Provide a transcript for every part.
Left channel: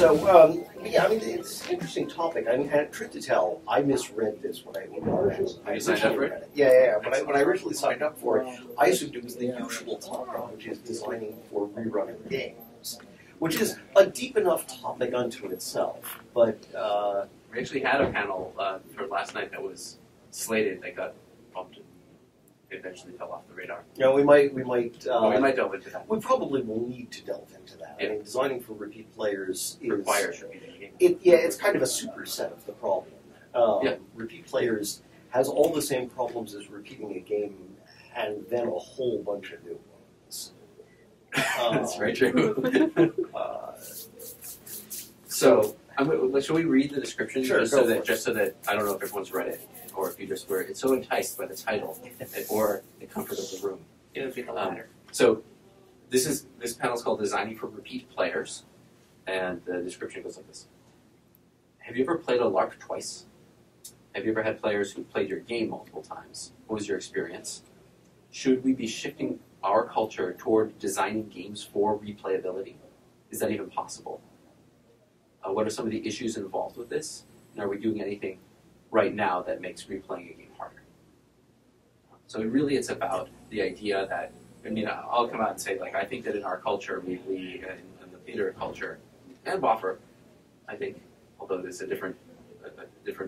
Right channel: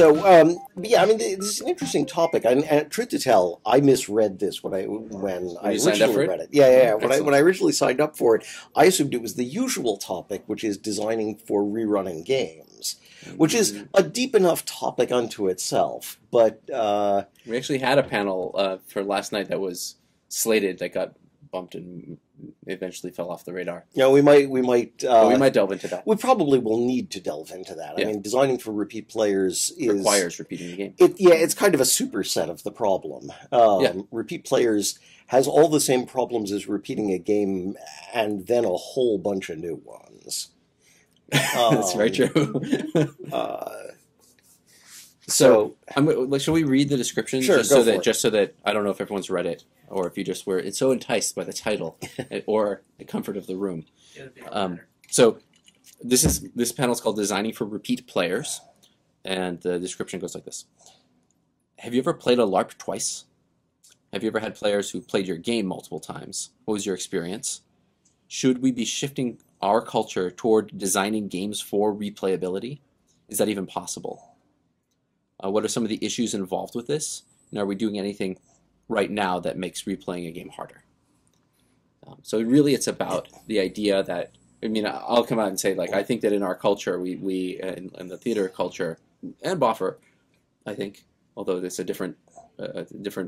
Yeah, I mean, it's an interesting topic. And truth to tell, I misread this when I originally read it. Yeah. When I originally signed up for it, I assumed it was the usual topic, which is designing for rerunning games, which is a deep enough topic unto itself. But we actually had a panel for last night that was slated that got bumped and eventually fell off the radar. Yeah, we might delve into that. We probably will need to delve into that. Yeah. I mean, designing for repeat players requires repeating the game. It's kind of a superset of the problem. Repeat players has all the same problems as repeating a game, and then a whole bunch of new ones. That's very true. So, shall we read the description? Sure, just so that I don't know if everyone's read it, or if you just were so enticed by the title or the comfort of the room. So this panel is called Designing for Repeat Players, and the description goes like this. Have you ever played a LARP twice? Have you ever had players who played your game multiple times? What was your experience? Should we be shifting our culture toward designing games for replayability? Is that even possible? What are some of the issues involved with this? And are we doing anything right now that makes replaying a game harder? So really it's about the idea that, I mean, I'll come out and say, like, I think that in our culture, we in the theater culture, and Boffer, I think, although it's a different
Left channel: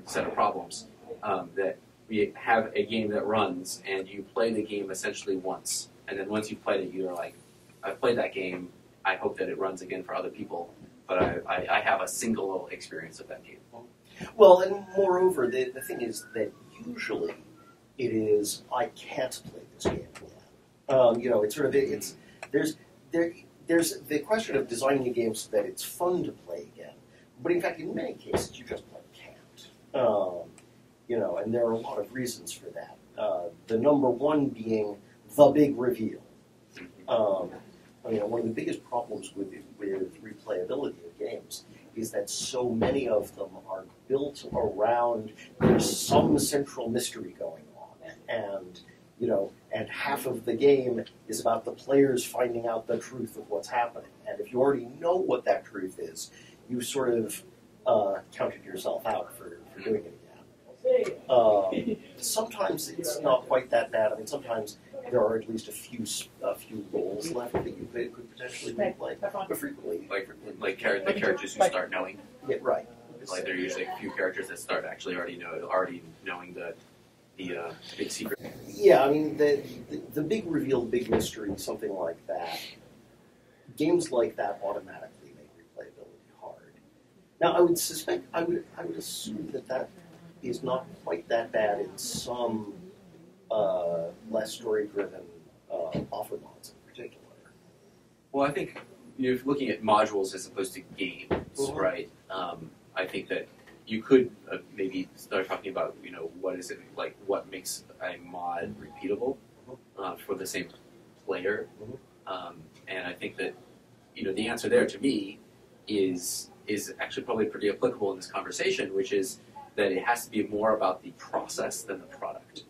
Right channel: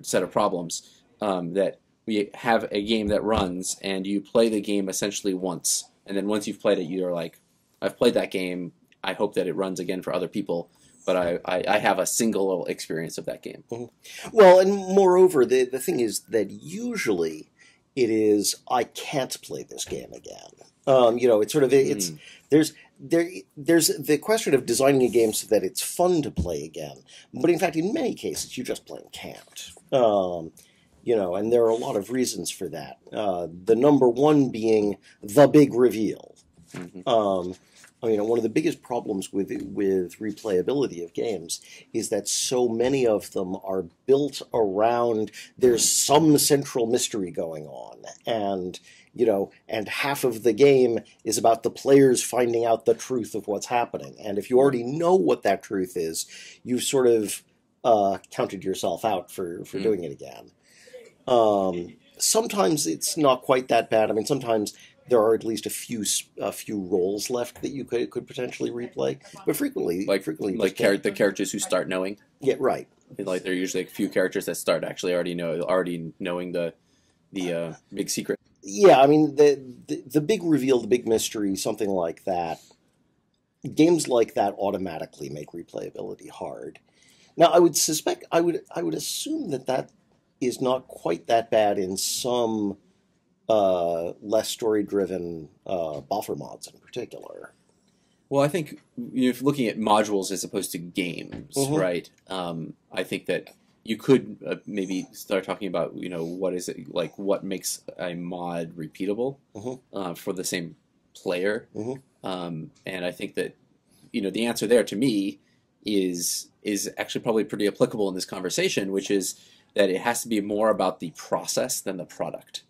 set of problems, that we have a game that runs, and you play the game essentially once. And then once you've played it, you're like, I've played that game, I hope that it runs again for other people. But I have a single experience of that game. Mm-hmm. Well, and moreover, the thing is that usually it is, I can't play this game again. It's sort of, there's the question of designing a game so that it's fun to play again. But in fact, in many cases, you just plain can't. And there are a lot of reasons for that. The number one being the big reveal. Mm-hmm. One of the biggest problems with replayability of games is that so many of them are built around there's some central mystery going on, and half of the game is about the players finding out the truth of what's happening. And if you already know what that truth is, you've sort of counted yourself out for doing it again. Sometimes it's not quite that bad. I mean, sometimes there are at least a few roles left that you could potentially replay, but frequently the characters who start knowing. Yeah, right. Like there are usually a few characters that start actually already knowing the big secret. Yeah, I mean the big reveal, the big mystery, something like that. Games like that automatically make replayability hard. Now, I would assume that is not quite that bad in some less story-driven buffer mods in particular. Well, I think you're looking at modules as opposed to games, right? I think that you could maybe start talking about, what is it, like what makes a mod repeatable for the same player. And I think that, the answer there to me is actually probably pretty applicable in this conversation, which is that it has to be more about the process than the product.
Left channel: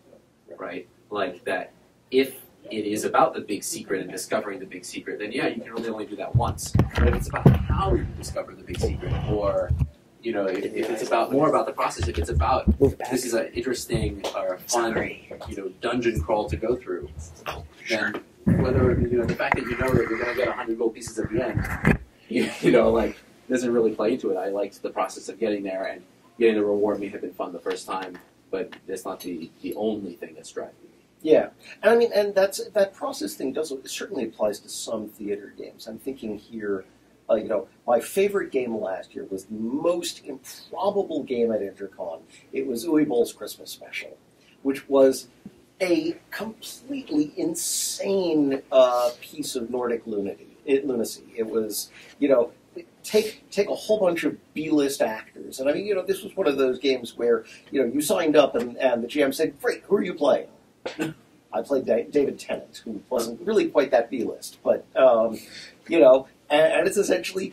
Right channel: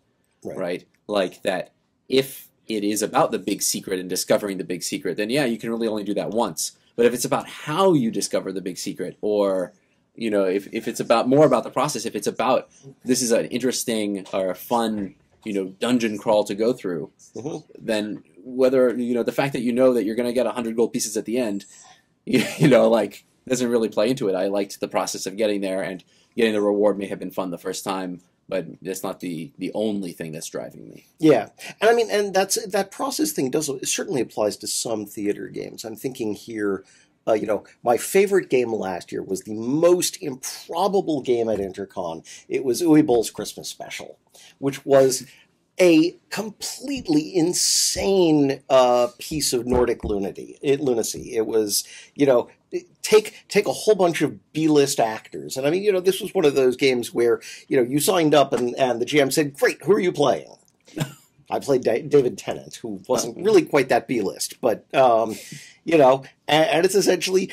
Right? Like that if it is about the big secret and discovering the big secret, then yeah, you can really only do that once. But if it's about how you discover the big secret, or, if it's more about the process, if it's about this is an interesting or a fun, dungeon crawl to go through, then whether, the fact that that you're going to get 100 gold pieces at the end, doesn't really play into it. I liked the process of getting there, and getting the reward may have been fun the first time, but it's not the only thing that's driving me. Yeah, and I mean, and that process thing certainly applies to some theater games. I'm thinking here, my favorite game last year was the most improbable game at Intercon. It was Uwe Boll's Christmas Special, which was a completely insane piece of Nordic lunacy. It was, take a whole bunch of B-list actors. And I mean, this was one of those games where, you signed up and the GM said, great, who are you playing? I played David Tennant, who wasn't really quite that B-list, but, and it's essentially,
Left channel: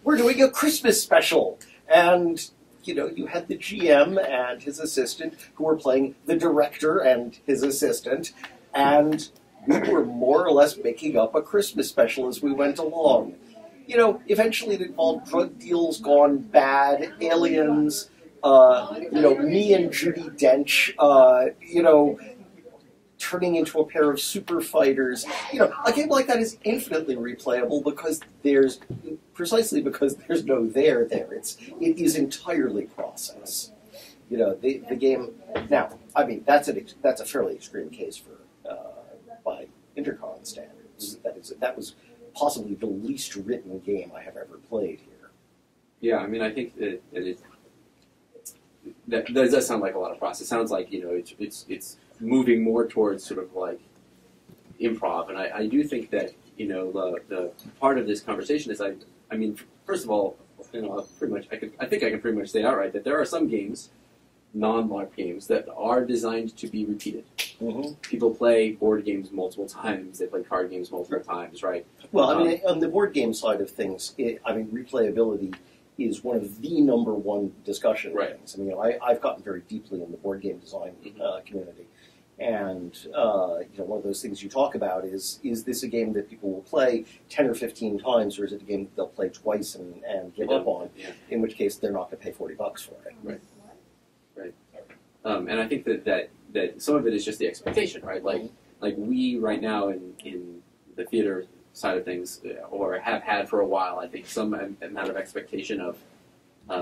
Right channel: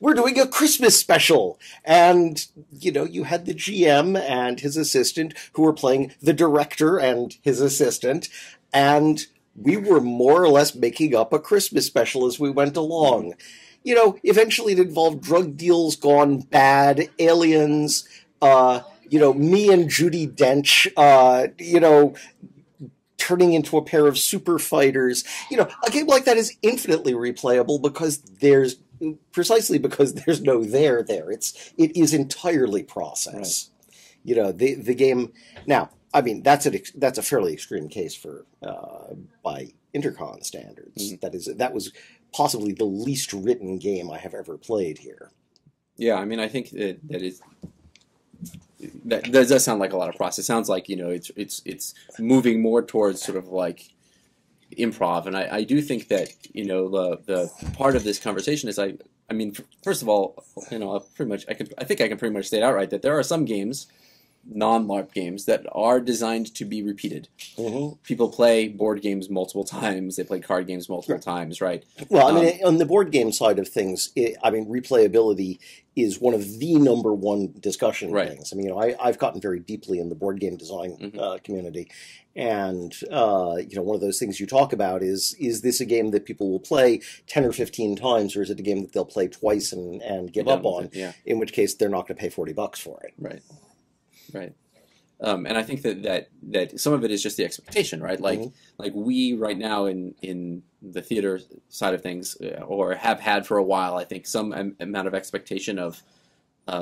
we're doing a Christmas special. And, you had the GM and his assistant who were playing the director and his assistant, and we were more or less making up a Christmas special as we went along. eventually it involved drug deals gone bad, aliens, me and Judi Dench, turning into a pair of super fighters. A game like that is infinitely replayable because there's no there. It is entirely process. The game. Now, I mean, that's a fairly extreme case for by Intercon standards. Mm-hmm. That was possibly the least written game I have ever played here. Yeah, I mean, I think that does sound like a lot of process. It sounds like it's moving more towards sort of like improv, and I do think that the part of this conversation is I mean, first of all, I think I can pretty much say it outright that there are some games, non-LARP games, that are designed to be repeated. Mm-hmm. People play board games multiple times. They play card games multiple times, right? Well, I mean, on the board game side of things, replayability is one of the number one discussion things. I mean, I've gotten very deeply in the board game design community, and one of those things you talk about is this a game that people will play 10 or 15 times, or is it a game that they'll play twice and give up on? Yeah. In which case, they're not going to pay $40 for it. Right. And I think that some of it is just the expectation, right? Like we right now in the theater side of things, or have had for a while, I think some amount of expectation of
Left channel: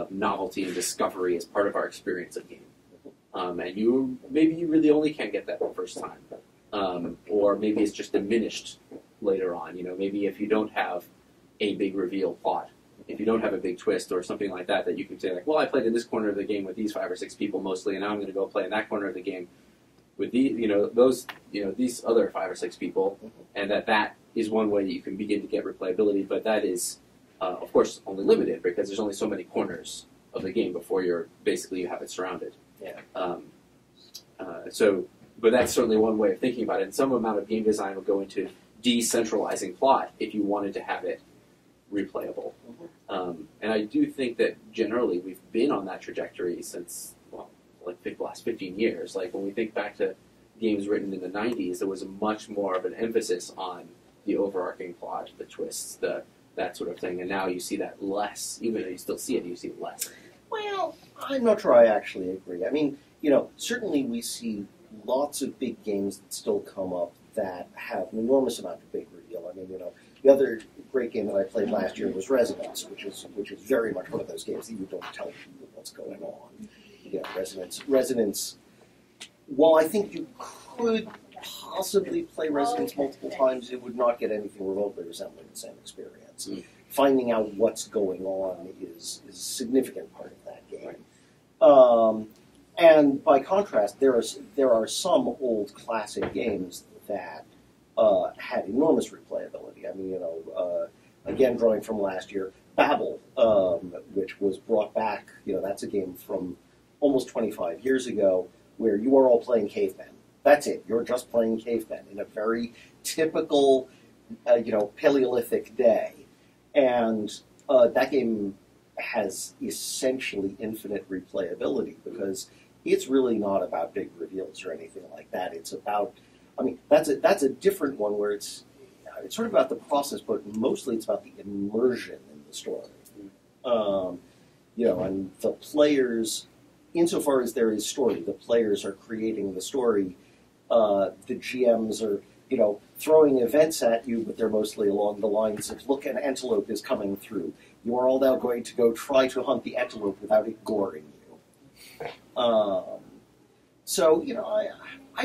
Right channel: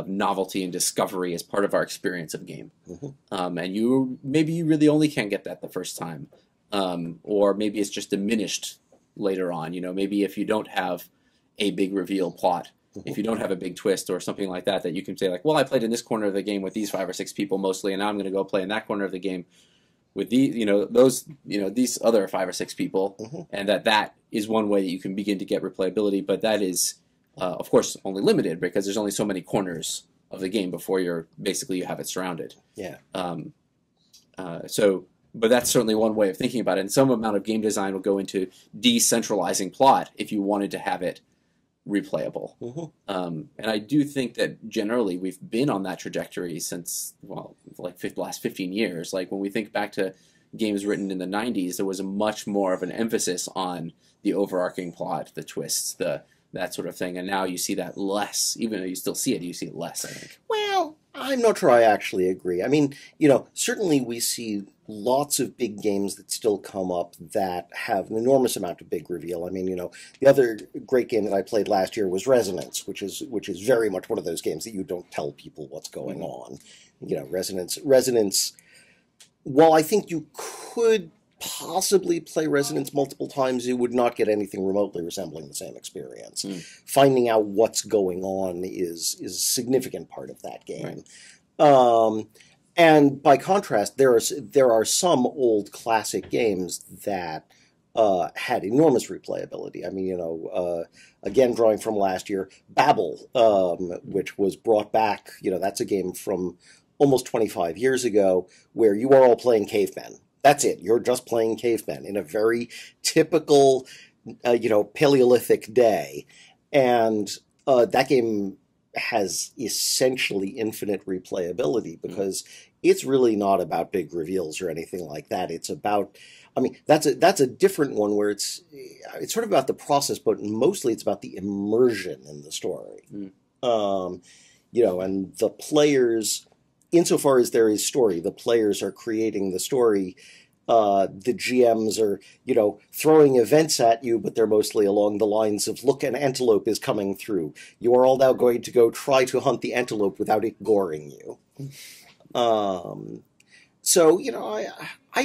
novelty and discovery as part of our experience of game. Mm-hmm. And you really only can't get that the first time, or maybe it's just diminished later on. Maybe if you don't have a big reveal plot. If you don't have a big twist or something like that you can say, like, well, I played in this corner of the game with these 5 or 6 people mostly, and now I'm going to go play in that corner of the game with these other 5 or 6 people, and that is one way that you can begin to get replayability. But that is, of course, only limited because there's only so many corners of the game before you have it surrounded. Yeah. But that's certainly one way of thinking about it. And some amount of game design will go into decentralizing plot if you wanted to have it replayable. And I do think that generally we've been on that trajectory since, the last 15 years. Like when we think back to games written in the 90s, there was a much more of an emphasis on the overarching plot, the twists, that sort of thing. And now you see that less. Even though you still see it, you see it less, I think. Well, I'm not sure I actually agree. I mean, certainly we see lots of big games that still come up that have an enormous amount of big reveal. I mean, the other great game that I played last year was Resonance, which is very much one of those games that you don't tell people what's going on. Resonance. While I think you could possibly play Resonance multiple times, you would not get anything remotely resembling the same experience. Finding out what's going on is a significant part of that game. Right. And by contrast, there are some old classic games that had enormous replayability. I mean, again, drawing from last year, Babel, which was brought back. That's a game from almost 25 years ago where you are all playing cavemen. That's it. You're just playing cavemen in a very typical, Paleolithic day, and that game has essentially infinite replayability because it's really not about big reveals or anything like that. It's about, that's a different one where it's sort of about the process, but mostly it's about the immersion in the story. And the players, insofar as there is story, the players are creating the story. The GMs are, throwing events at you, but they're mostly along the lines of, look, an antelope is coming through. You are all now going to go try to hunt the antelope without it goring you. I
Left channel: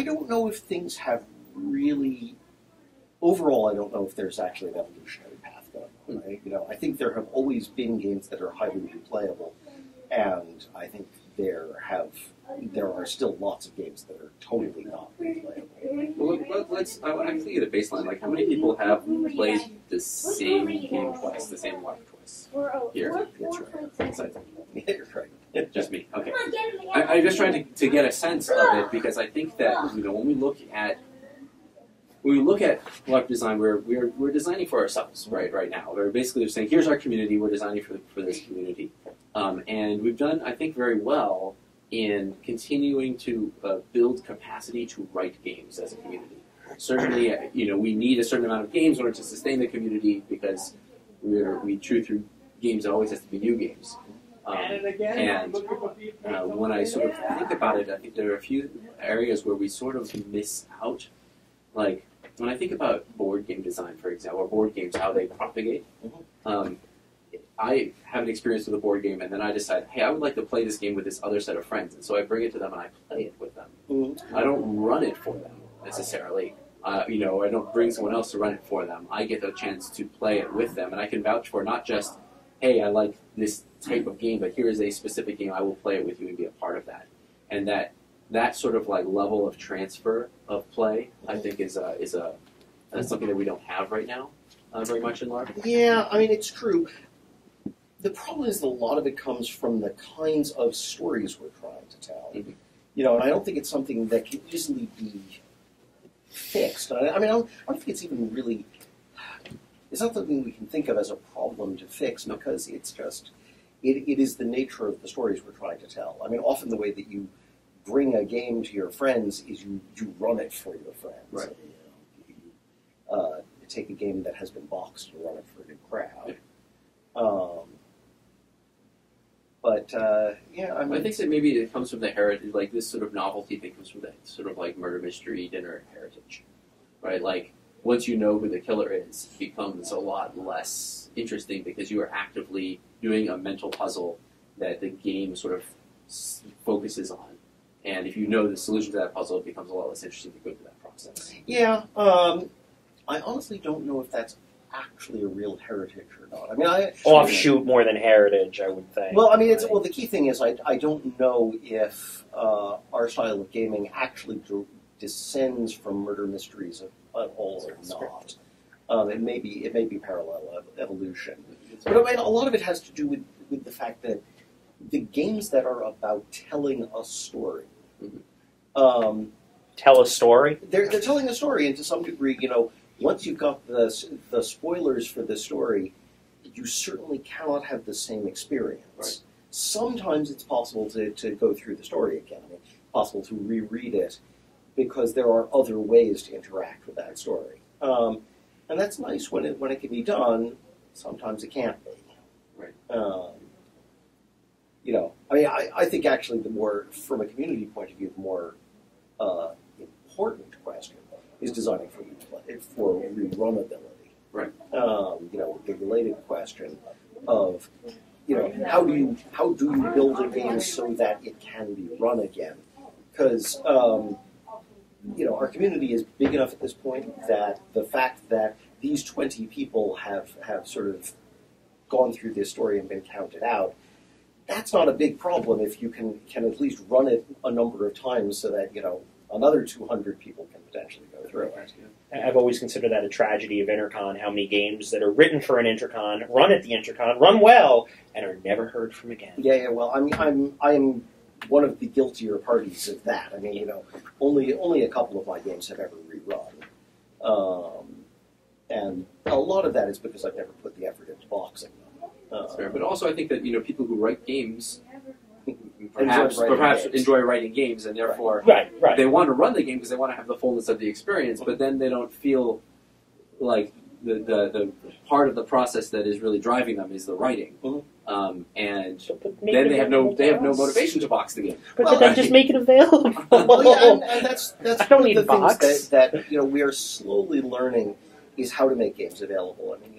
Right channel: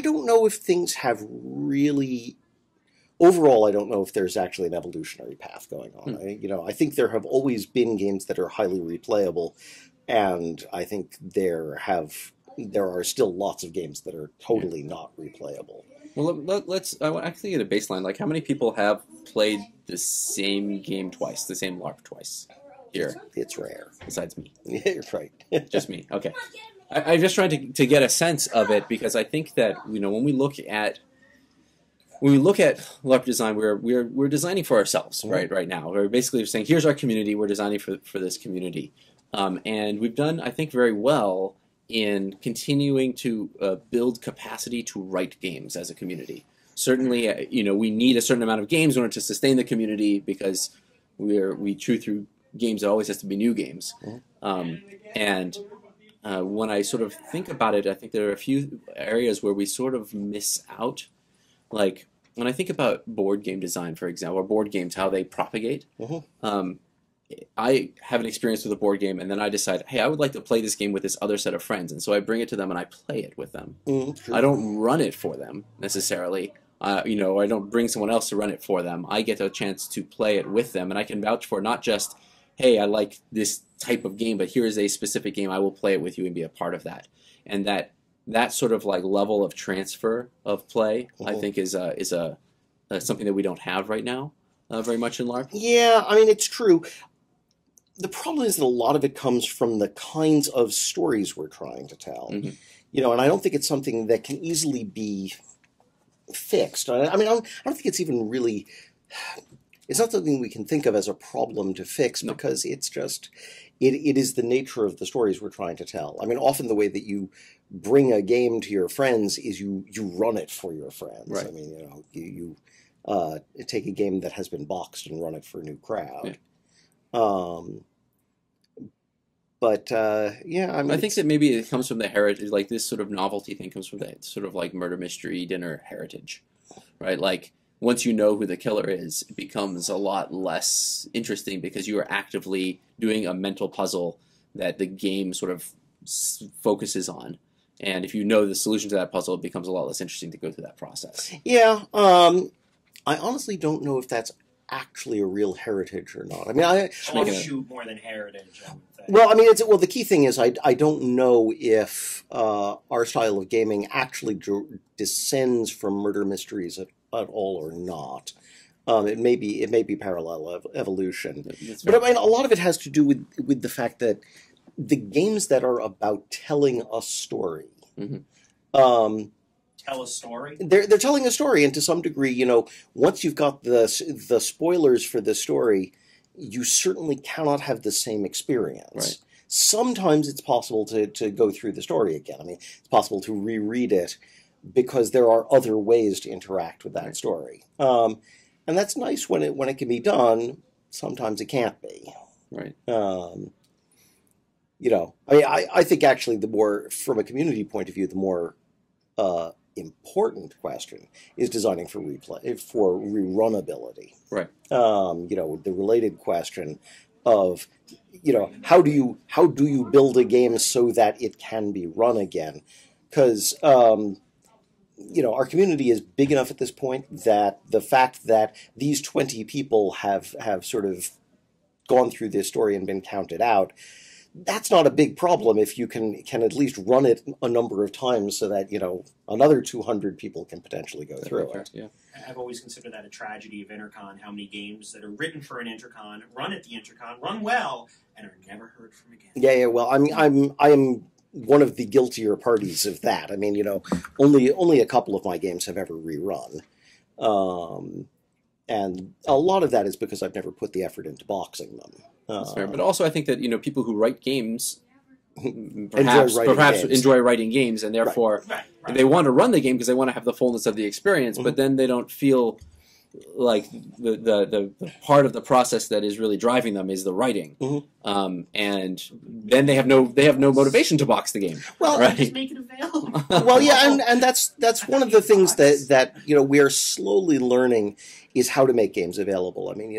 don't know if things have really... Overall, I don't know if there's actually an evolutionary path going on. I think there have always been games that are highly replayable, and I think there are still lots of games that are totally not replayable. Well, I'm thinking of a baseline. Like, how many people have played the same game twice, the same LARP twice? Here, it's rare. Besides me, yeah, right. Just me. Okay. I'm just trying to get a sense of it because I think that when we look at LARP design, we're designing for ourselves, right now. We're basically just saying, here's our community. We're designing for this community, and we've done, I think, very well in continuing to build capacity to write games as a community. Certainly, we need a certain amount of games in order to sustain the community because we chew through games. It always has to be new games. And when I sort of think about it, I think there are a few areas where we sort of miss out. Like, when I think about board game design, for example, or board games, how they propagate, I have an experience with a board game, and then I decide, hey, I would like to play this game with this other set of friends, and so I bring it to them and I play it with them. I don't run it for them, necessarily. I don't bring someone else to run it for them. I get a chance to play it with them, and I can vouch for not just, hey, I like this type of game, but here is a specific game, I will play it with you and be a part of that. And that sort of like level of transfer of play, I think, is something that we don't have right now very much in LARP. Yeah, I mean, it's true. The problem is that a lot of it comes from the kinds of stories we're trying to tell. And I don't think it's something that can easily be fixed. I don't think it's even really... It's not something we can think of as a problem to fix because it's just... It is the nature of the stories we're trying to tell. I mean, often the way that you bring a game to your friends is you run it for your friends. Right. I mean, you take a game that has been boxed and run it for a new crowd. I mean... I think that maybe it comes from the heritage, like this sort of novelty thing comes from that sort of like murder mystery dinner heritage, right? Like, once you know who the killer is, it becomes a lot less interesting because you are actively doing a mental puzzle that the game sort of focuses on. And if you know the solution to that puzzle, it becomes a lot less interesting to go through that process. Yeah, I honestly don't know if that's actually a real heritage or not. I mean, offshoot more than heritage, I would think. Well, I mean, the key thing is I don't know if our style of gaming actually descends from murder mysteries at all or not. It may be parallel evolution. But I mean, a lot of it has to do with the fact that the games that are about telling a story. Tell a story? They're telling a story, and to some degree, once you've got the spoilers for the story, you certainly cannot have the same experience. Right. Sometimes it's possible to go through the story again. I mean, it's possible to reread it because there are other ways to interact with that story. And that's nice when it can be done. Sometimes it can't be. Right. I think actually the more, from a community point of view, the more important question is designing for rerunability. Right. The related question of, how do you build a game so that it can be run again? Because our community is big enough at this point that the fact that these 20 people have sort of gone through this story and been counted out, that's not a big problem if you can at least run it a number of times so that, another 200 people can potentially go through it. Yeah. I've always considered that a tragedy of Intercon, how many games that are written for an Intercon, run at the Intercon, run well, and are never heard from again. Yeah, well, I'm one of the guiltier parties of that. I mean, only a couple of my games have ever rerun. And a lot of that is because I've never put the effort into boxing them. That's fair. But also I think that, people who write games perhaps enjoy writing games, and therefore they want to run the game because they want to have the fullness of the experience, but then they don't feel like the part of the process that is really driving them is the writing. And then they have no motivation to box the game. Well, just make it available. Well, yeah, and that's one of the things that we are slowly learning is how to make games available. I mean,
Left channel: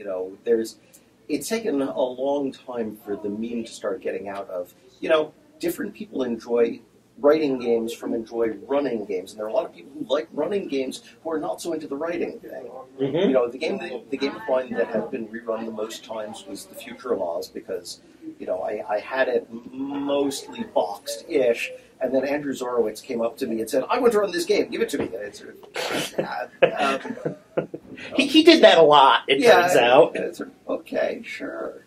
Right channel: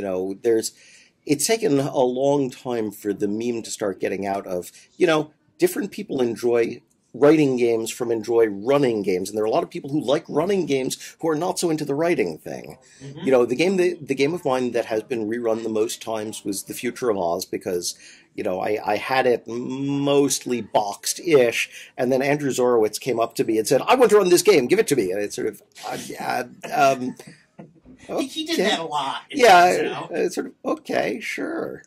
it's taken a long time for the meme to start getting out of, different people enjoy writing games from enjoy running games, and there are a lot of people who like running games who are not so into the writing thing. The game of mine that has been rerun the most times was The Future of Oz because, I had it mostly boxed-ish, and then Andrew Zorowitz came up to me and said, "I want to run this game, give it to me," and it's sort of, he did that a lot, it turns out. It's sort of, okay, sure.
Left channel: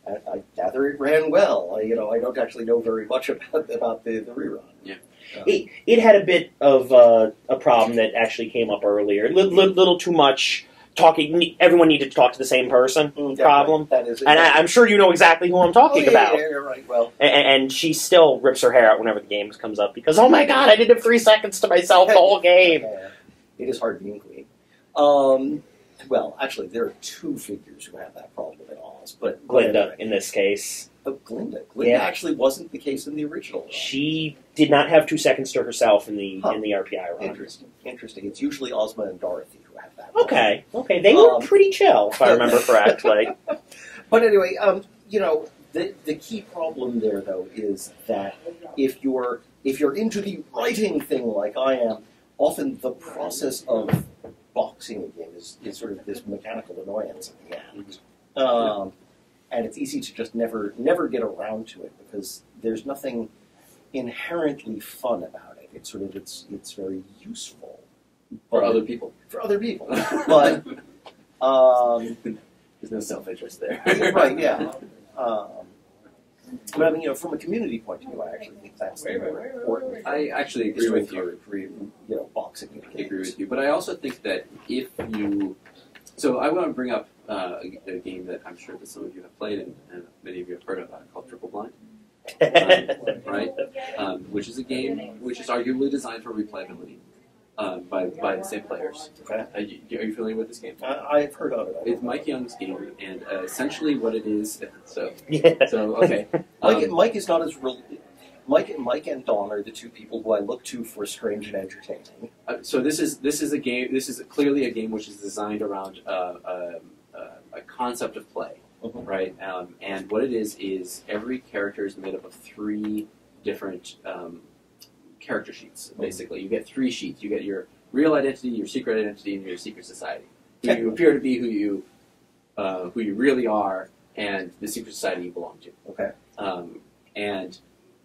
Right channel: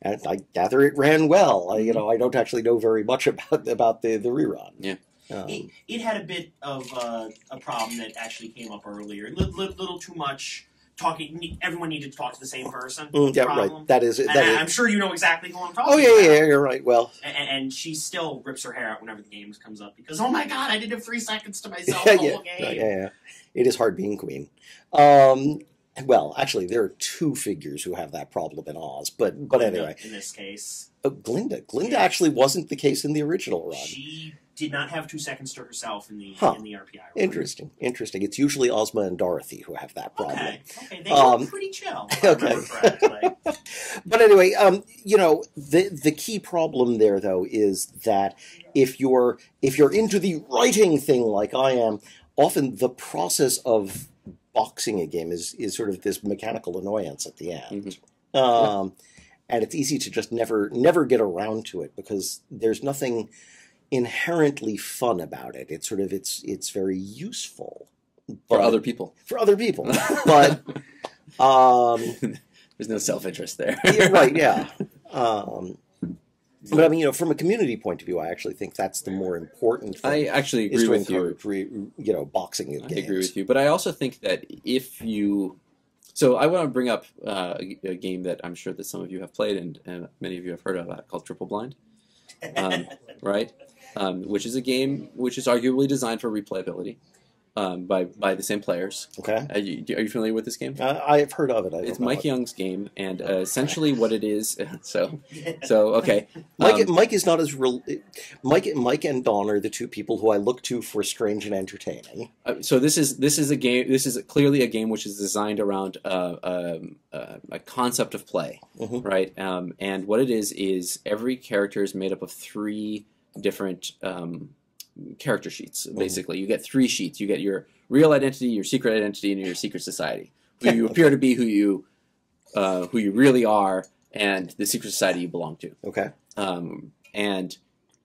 And I gather it ran well. I don't actually know very much about the rerun. Yeah. It had a bit of a problem that actually came up earlier. Little too much talking. Everyone needed to talk to the same person. Problem. Right. That is. I'm sure you know exactly who I'm talking about. Yeah, you're right. Well, and she still rips her hair out whenever the game comes up because, oh my god, I didn't have 3 seconds to myself the whole game. Yeah. It is hard being queen. Well, actually, there are two figures who have that problem in Oz, but Glinda, anyway. in this case. Glinda Yeah. actually wasn't the case in the original run. She did not have 2 seconds to herself in the RPI run. Interesting. It's usually Ozma and Dorothy who have that problem. Okay. They were pretty chill, if I remember correctly. But anyway, the key problem there, though, is that if you're into the writing thing like I am, often the process of boxing a game is sort of this mechanical annoyance at the end. Mm-hmm. And it's easy to just never get around to it because there's nothing inherently fun about it. It's sort of it's very useful for other people. But there's no self-interest there. Right? Yeah. But I mean, from a community point of view, I actually think that's the more important thing. I actually agree with you. Boxing in games. I agree with you, but I also think that if you... So I want to bring up a game that I'm sure that some of you have played and many of you have heard of called Triple Blind, right? Which is a game which is arguably designed for replayability by the same players. Okay. Are you familiar with this game? I've heard of it. It's Mike Young's game, and essentially what it is. So okay. Mike is not as real. Mike and Don are the two people who I look to for strange and entertaining. So this is a game. This is clearly a game which is designed around a concept of play, mm-hmm. right? And what it is every character is made up of 3 different character sheets. Basically, you get 3 sheets. You get your real identity, your secret identity, and your secret society. Who you appear to be, who you really are, and the secret society you belong to. Okay. And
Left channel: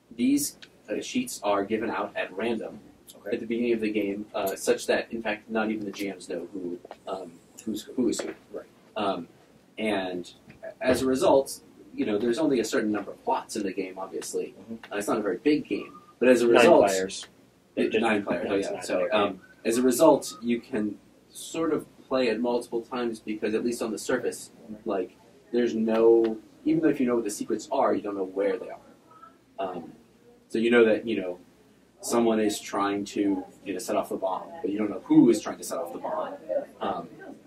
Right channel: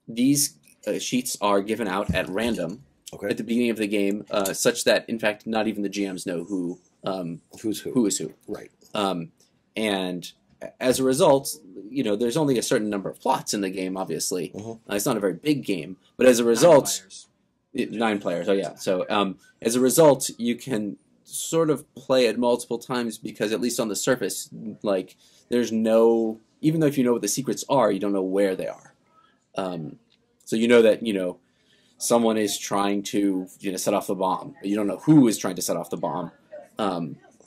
these sheets are given out at random at the beginning of the game, such that in fact not even the GMs know who is who. Right. And as a result, there's only a certain number of plots in the game. Obviously, mm-hmm. It's not a very big game, but as a result, 9 players. Oh yeah. So as a result, you can sort of play it multiple times because at least on the surface, like there's no, even though if you know what the secrets are, you don't know where they are. So you know that someone is trying to set off the bomb, but you don't know who is trying to set off the bomb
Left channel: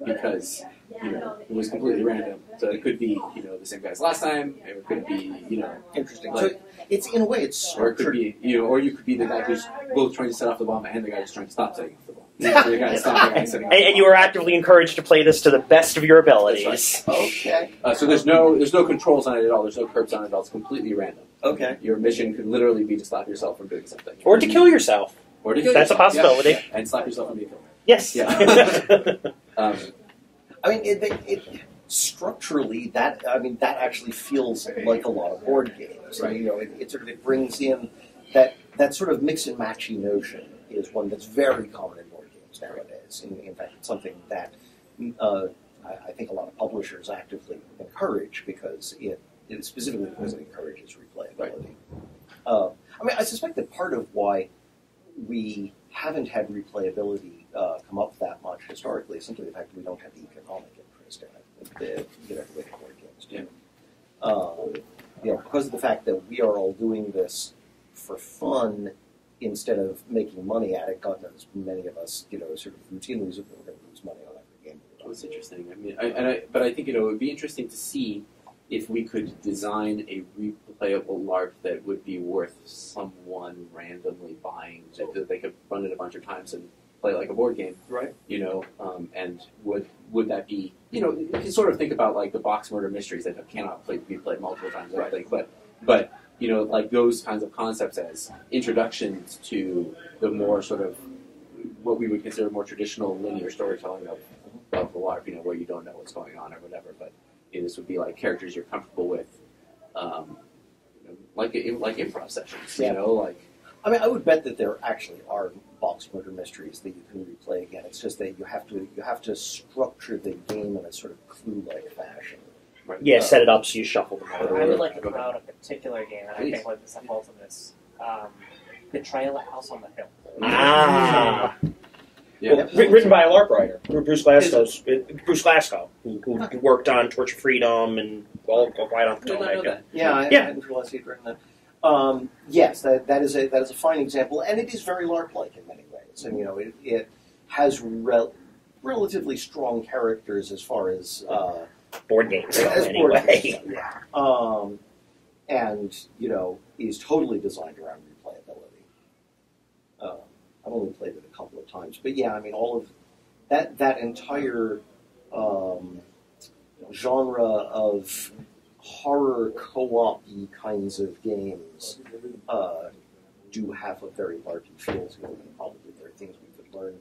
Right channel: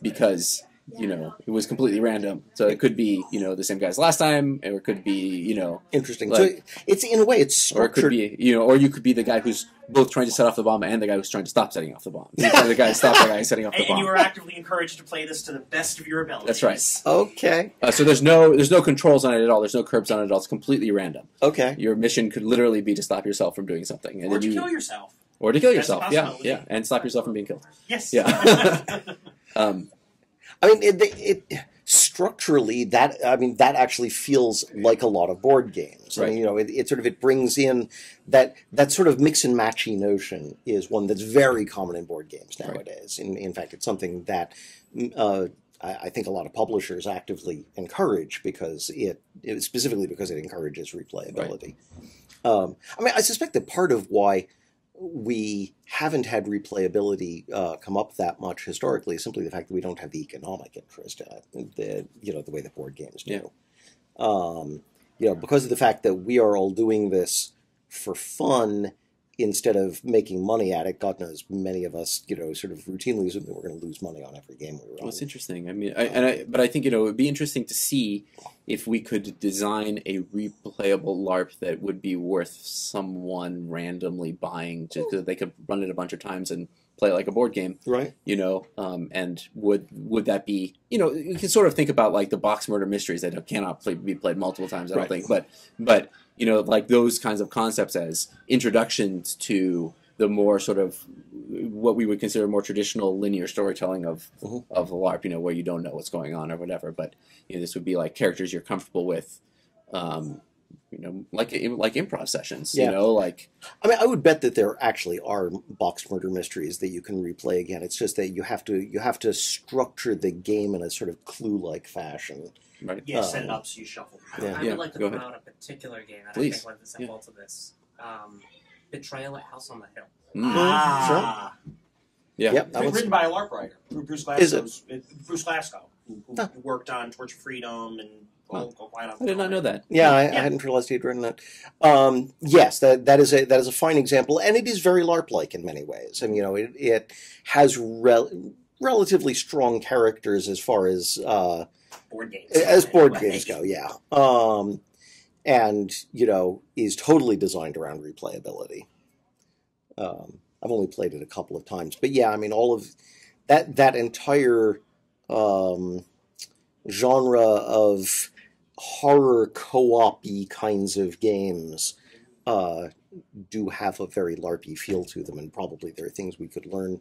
because it was completely random. So it could be the same guy as last time, or it could be interesting. Like, so it's in a way it's structured. Or it could be or you could be the guy who's both trying to set off the bomb and the guy who's trying to stop setting off the bomb. The guy stops the guy setting off the bomb. And you were actively encouraged to play this to the best of your abilities. That's right. Okay. So there's no controls on it at all. There's no curbs on it at all. It's completely random. Okay. Your mission could literally be to stop yourself from doing something, or to kill yourself. Or to kill That's yourself. That's a possibility. Yeah. And stop yourself from being killed. Yes. Yeah. I mean, it structurally that actually feels like a lot of board games. Right. And, it brings in that sort of mix and matchy notion is one that's very common in board games nowadays. Right. In fact, it's something that I think a lot of publishers actively encourage because specifically because it encourages replayability. Right. I suspect that part of why we haven't had replayability come up that much historically is simply the fact that we don't have the economic interest in it, the way the board games do. Yeah. Because of the fact that we are all doing this for fun instead of making money at it. God knows many of us, sort of routinely assume that we're going to lose money on every game we run. Well, it's interesting. I mean, but I think it would be interesting to see if we could design a replayable LARP that would be worth someone randomly buying, so that they could run it a bunch of times and play it like a board game. Right. And would that be, you can sort of think about like the box murder mysteries that cannot be played multiple times, I don't think, but like those kinds of concepts as introductions to the more sort of what we would consider more traditional linear storytelling of a LARP, where you don't know what's going on or whatever, but this would be like characters you're comfortable with, like improv sessions, like... I mean, I would bet that there actually are box murder mysteries that you can replay again. It's just that you have to structure the game in a sort of clue-like fashion. Right. Yeah, set it up so you shuffle them. I would like to throw out a particular game that I think was the fault of this. Betrayal at House on the Hill. Ah. Yeah. Written by a LARP writer, Bruce Glasgow, who worked on Torch of Freedom and all right on. I did not know that. Yeah, I hadn't realized he'd written that. Yes, that is a fine example, and it is very LARP-like in many ways. And it has relatively strong characters as far as board games. Board games go, yeah. And is totally designed around replayability. I've only played it a couple of times, but yeah, I mean, all of that entire genre of horror co-op-y kinds of games do have a very LARPy feel to them, and probably there are things we could learn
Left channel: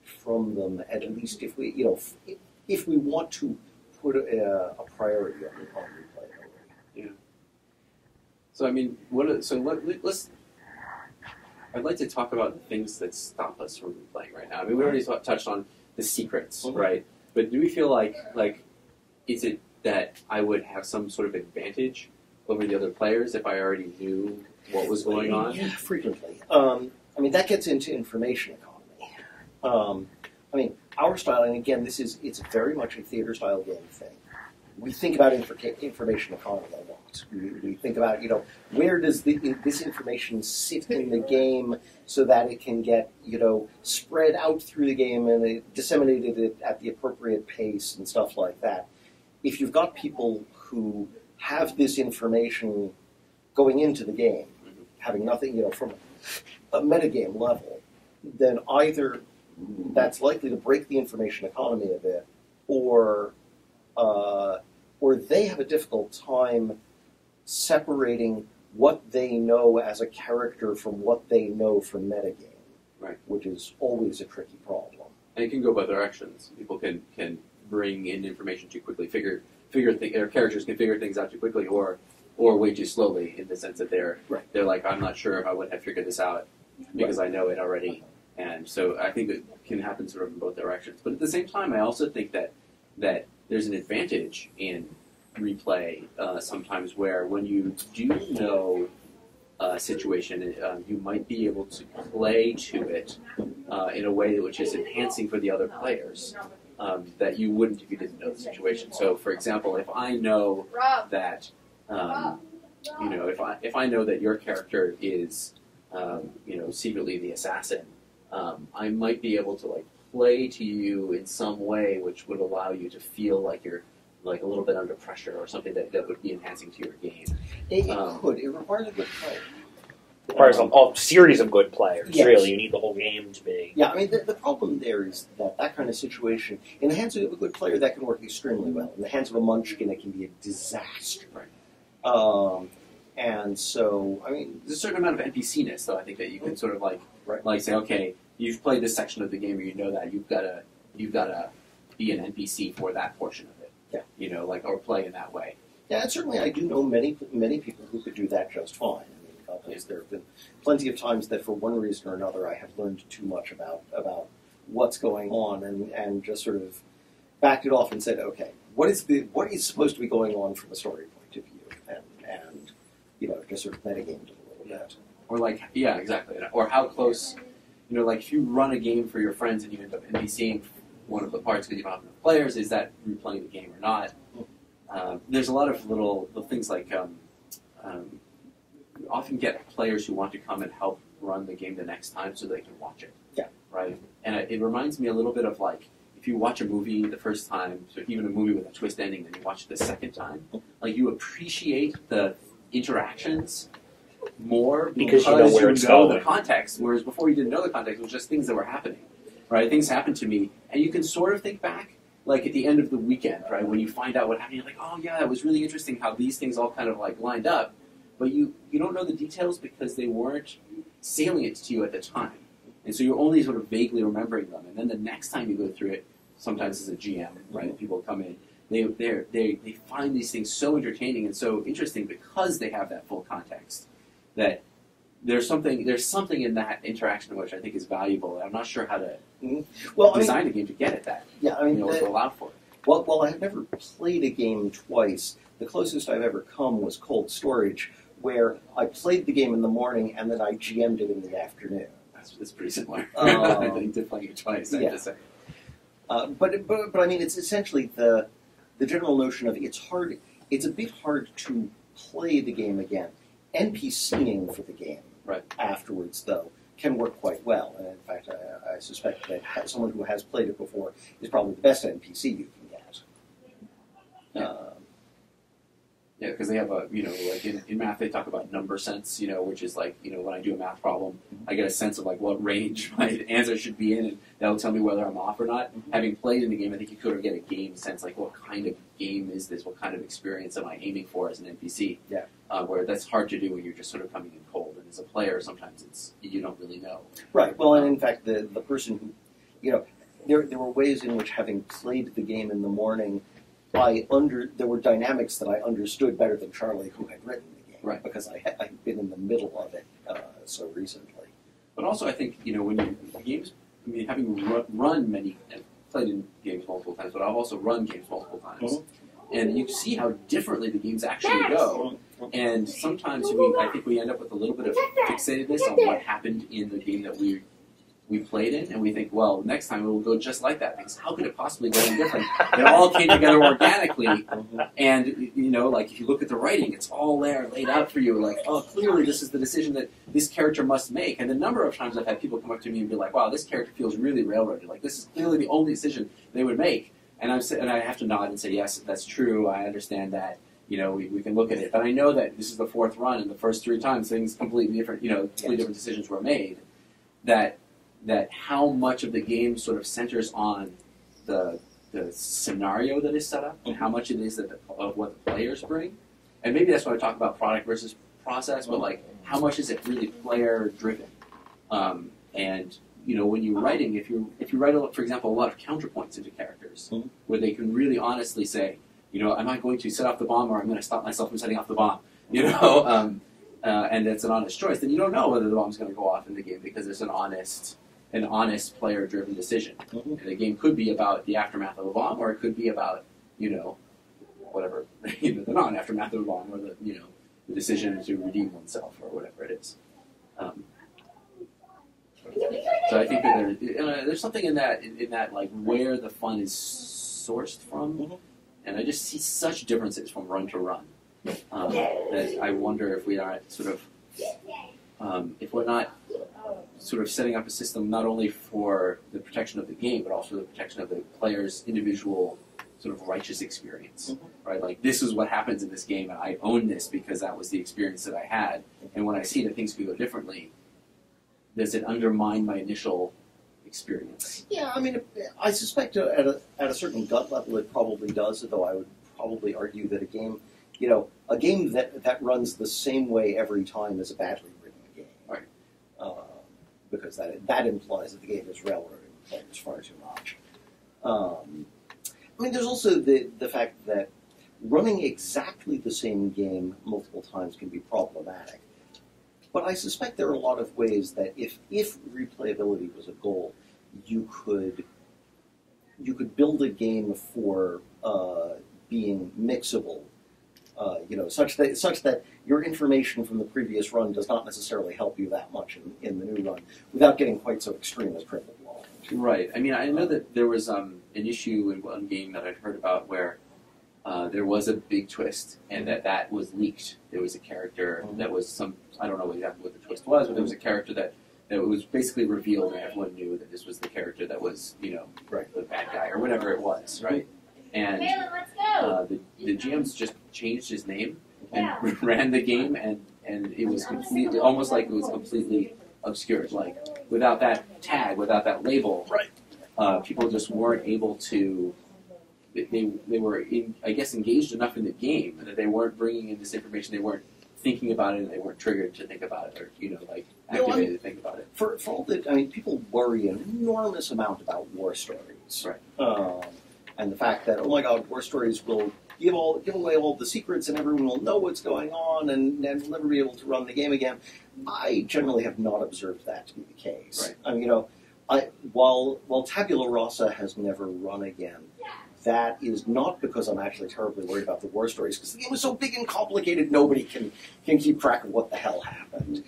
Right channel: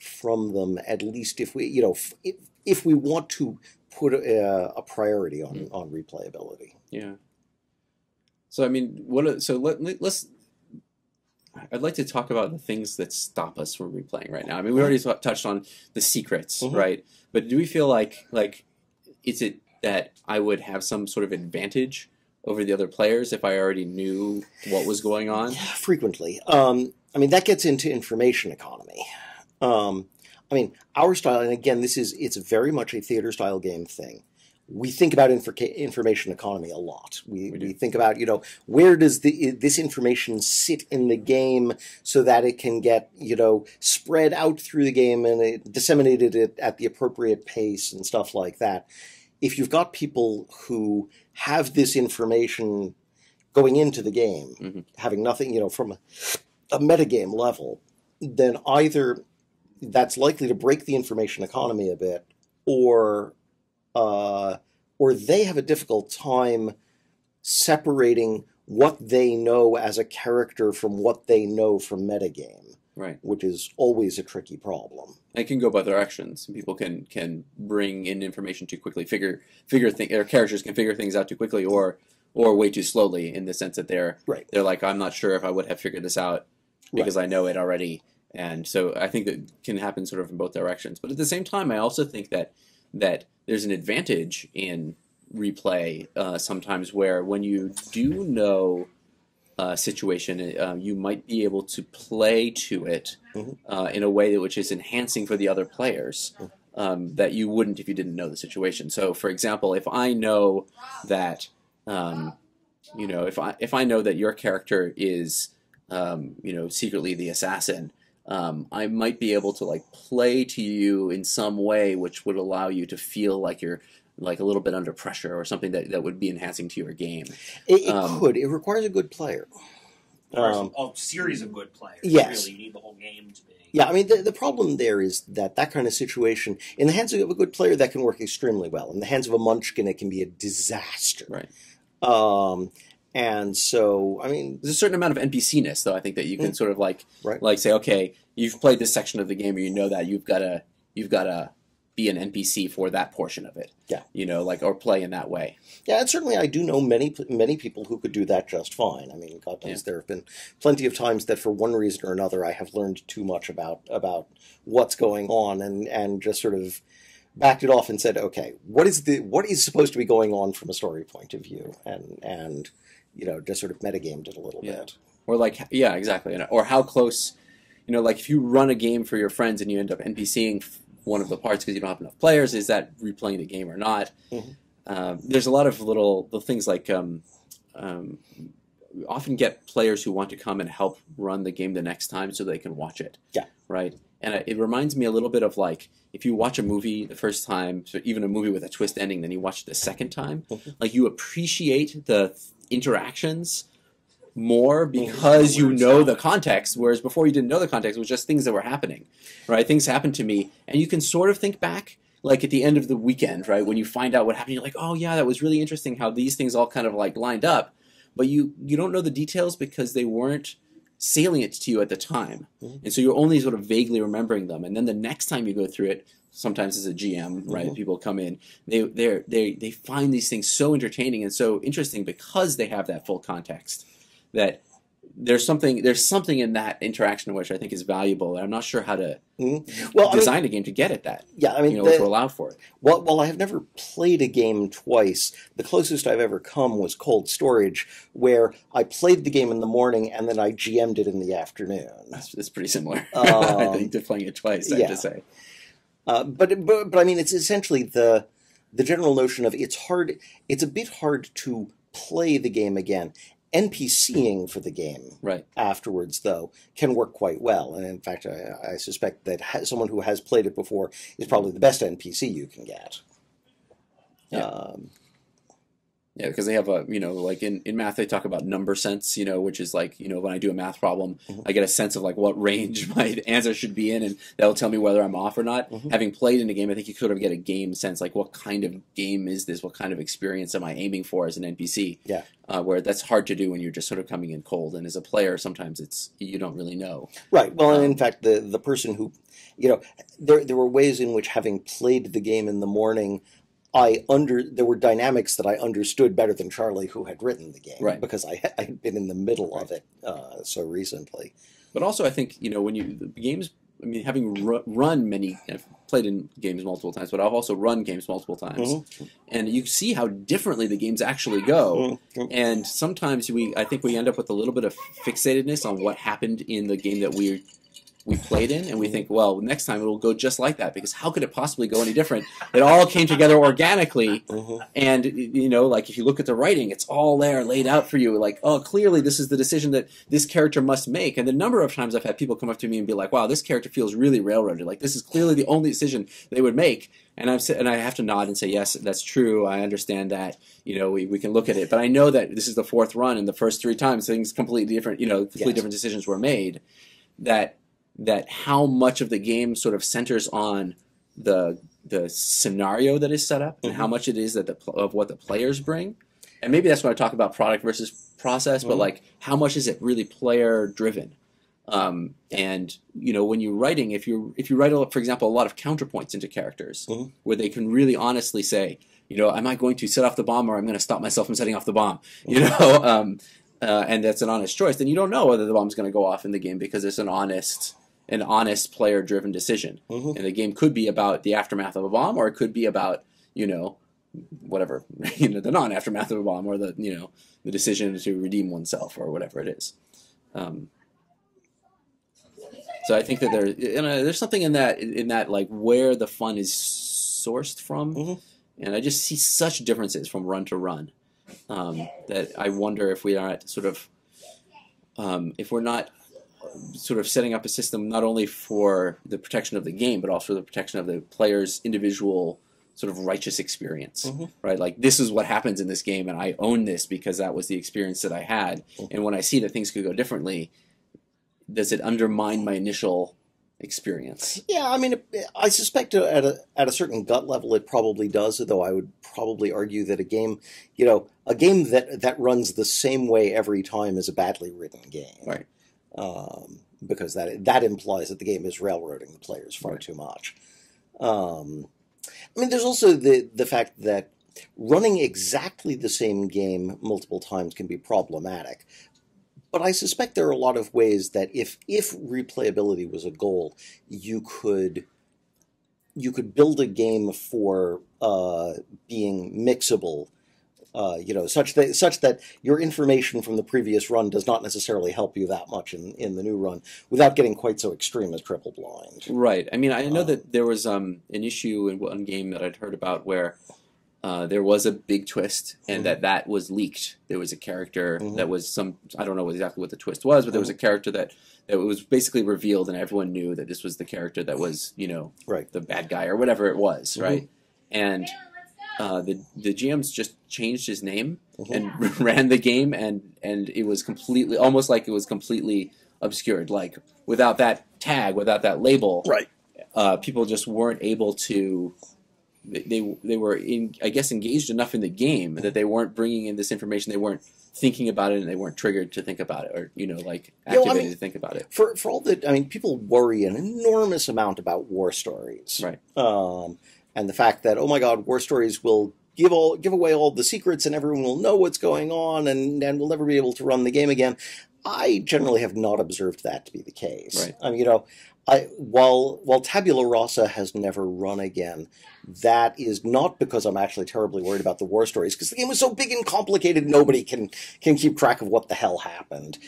from them, at least if we, if we want to put a priority on replayability. Yeah. So I mean, let's. I'd like to talk about the things that stop us from replaying right now. I mean, we already touched on the secrets, right? But do we feel like is it that I would have some sort of advantage over the other players if I already knew what was going on? Yeah, frequently. I mean, that gets into information economy. I mean, our style, and again, it's very much a theater-style game thing. We think about information economy a lot. We think about, where does this information sit in the game so that it can get, spread out through the game and disseminated at the appropriate pace and stuff like that. If you've got people who have this information going into the game, having nothing, from a metagame level, then either that's likely to break the information economy a bit, or they have a difficult time separating what they know as a character from what they know from metagame, right? Which is always a tricky problem. It can go both directions. People can bring in information too quickly, or characters can figure things out too quickly, or way too slowly, in the sense that they're like, I'm not sure if I would have figured this out because I know it already. And so I think that can happen sort of in both directions. But at the same time, I also think that there's an advantage in replay sometimes, where when you do know a situation, you might be able to play to it in a way which is enhancing for the other players that you wouldn't if you didn't know the situation. So, for example, if I know that, if I know that your character is, secretly the assassin, I might be able to play to you in some way which would allow you to feel like you're a little bit under pressure, or something that would be enhancing to your game. It could. It requires a good player. It requires a series of good players. Yes. Really, you need the whole game to be. Yeah, I mean, the problem there is that kind of situation, in the hands of a good player, that can work extremely well. In the hands of a munchkin, it can be a disaster. Right. And so, I mean, there's a certain amount of NPC-ness, though. I think that you can sort of say, okay, you've played this section of the game, or you know that you've got to be an NPC for that portion of it. Yeah. Or play in that way. Yeah, and certainly I do know many people who could do that just fine. I mean, God knows there have been plenty of times that for one reason or another I have learned too much about what's going on and just sort of backed it off and said, okay, what is supposed to be going on from a story point of view, and just sort of metagamed it a little bit. Or exactly. Or how close, if you run a game for your friends and you end up NPCing one of the parts because you don't have enough players, is that replaying the game or not? There's a lot of little things like we often get players who want to come and help run the game the next time so they can watch it. Yeah. Right? And it reminds me a little bit of if you watch a movie the first time, so even a movie with a twist ending, then you watch it the second time, you appreciate the interactions more because you know the context, whereas before you didn't know the context. It was just things that were happening, right? Things happened to me, and you can sort of think back, at the end of the weekend, right, when you find out what happened, you're like, oh yeah, that was really interesting how these things all kind of lined up, but you don't know the details because they weren't salient to you at the time, and so you're only sort of vaguely remembering them, and then the next time you go through it, sometimes as a GM, right, people come in, they find these things so entertaining and so interesting because they have that full context, that there's something in that interaction which I think is valuable, and I'm not sure how to design a game to get at that. Yeah, I mean, if we're allowed for it. Well, while I've never played a game twice, the closest I've ever come was Cold Storage, where I played the game in the morning and then I GM'd it in the afternoon. That's pretty similar. I think to playing it twice, I have to say. But I mean, it's essentially the general notion of it's a bit hard to play the game again NPCing for the game afterwards, though, can work quite well. And in fact, I suspect that someone who has played it before is probably the best NPC you can get. Yeah, because they have a, like in math they talk about number sense, which is like, when I do a math problem, I get a sense of like what range my answer should be in, and that'll tell me whether I'm off or not. Having played in a game, I think you sort of get a game sense, like what kind of game is this? What kind of experience am I aiming for as an NPC? Yeah. Where that's hard to do when you're just sort of coming in cold, and as a player, sometimes you don't really know. Right. Well, and in fact, the person who, there were ways in which, having played the game in the morning, there were dynamics that I understood better than Charlie, who had written the game, because I had been in the middle of it so recently. But also, I think when games, having run many, I've played in games multiple times, but I've also run games multiple times, and you see how differently the games actually go. And sometimes I think we end up with a little bit of fixatedness on what happened in the game that we played in, and we think, well, next time it will go just like that, because how could it possibly go any different? It all came together organically, and, like, if you look at the writing, it's all there, laid out for you, like, oh, clearly this is the decision that this character must make. And the number of times I've had people come up to me and be like, wow, this character feels really railroaded, like, this is clearly the only decision they would make. And I have to nod and say, yes, that's true, I understand that, we can look at it. But I know that this is the fourth run, and the first 3 times things completely different, different decisions were made, that how much of the game sort of centers on the scenario that is set up, and how much it is that of what the players bring. And maybe that's when I talk about product versus process, but like, how much is it really player driven? And when you're writing, if you write, for example, a lot of counterpoints into characters, where they can really honestly say, am I going to set off the bomb, or I'm going to stop myself from setting off the bomb? And that's an honest choice. Then you don't know whether the bomb's going to go off in the game, because it's an honest player-driven decision. And the game could be about the aftermath of a bomb, or it could be about, whatever, the non-aftermath of a bomb, or the decision to redeem oneself, or whatever it is. So I think that there's something in that like where the fun is sourced from, and I just see such differences from run to run that I wonder if we aren't sort of if we're not sort of setting up a system not only for the protection of the game, but also the protection of the player's individual sort of righteous experience, right? Like, this is what happens in this game, and I own this because that was the experience that I had. And when I see that things could go differently, does it undermine my initial experience? Yeah, I mean, I suspect at a certain gut level it probably does, though I would probably argue that a game that runs the same way every time is a badly written game. Right. Because that implies that the game is railroading the players far too much. I mean, there's also the fact that running exactly the same game multiple times can be problematic. But I suspect there are a lot of ways that if replayability was a goal, you could build a game for being mixable, such that your information from the previous run does not necessarily help you that much in the new run, without getting quite so extreme as triple blind. Right. I mean, I know that there was an issue in one game that I'd heard about where there was a big twist, and that was leaked. There was a character that was I don't know exactly what the twist was, but there was a character that was basically revealed, and everyone knew that this was the character that was, the bad guy or whatever it was, right? And the GMs just changed his name and ran the game, and it was completely, almost like it was completely obscured. Like, without that tag, without that label, people just weren't able to. They were engaged enough in the game that they weren't bringing in this information. They weren't thinking about it, and they weren't triggered to think about it, or activated to think about it. For all that, people worry an enormous amount about war stories, right? And the fact that, oh my God, war stories will give away all the secrets, and everyone will know what's going on, and we'll never be able to run the game again. I generally have not observed that to be the case. Right. While Tabula Rasa has never run again, that is not because I'm actually terribly worried about the war stories, because the game is so big and complicated, nobody can keep track of what the hell happened.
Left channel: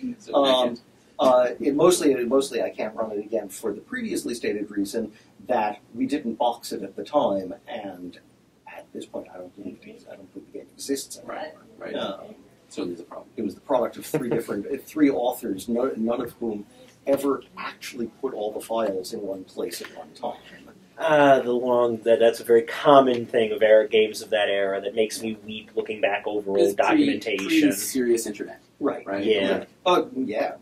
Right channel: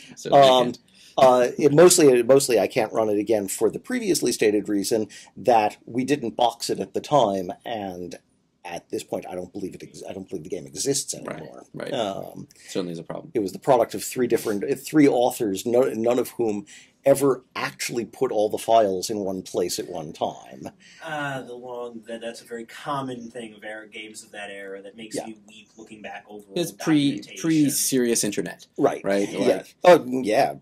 Mostly I can't run it again for the previously stated reason that we didn't box it at the time, and at this point, I don't believe the game exists anymore. Right. Certainly is a problem. It was the product of three authors, none of whom ever actually put all the files in one place at one time. That's a very common thing of games of that era that makes me weep looking back over old documentation. Pre-serious internet. Right. Yeah. Well, okay.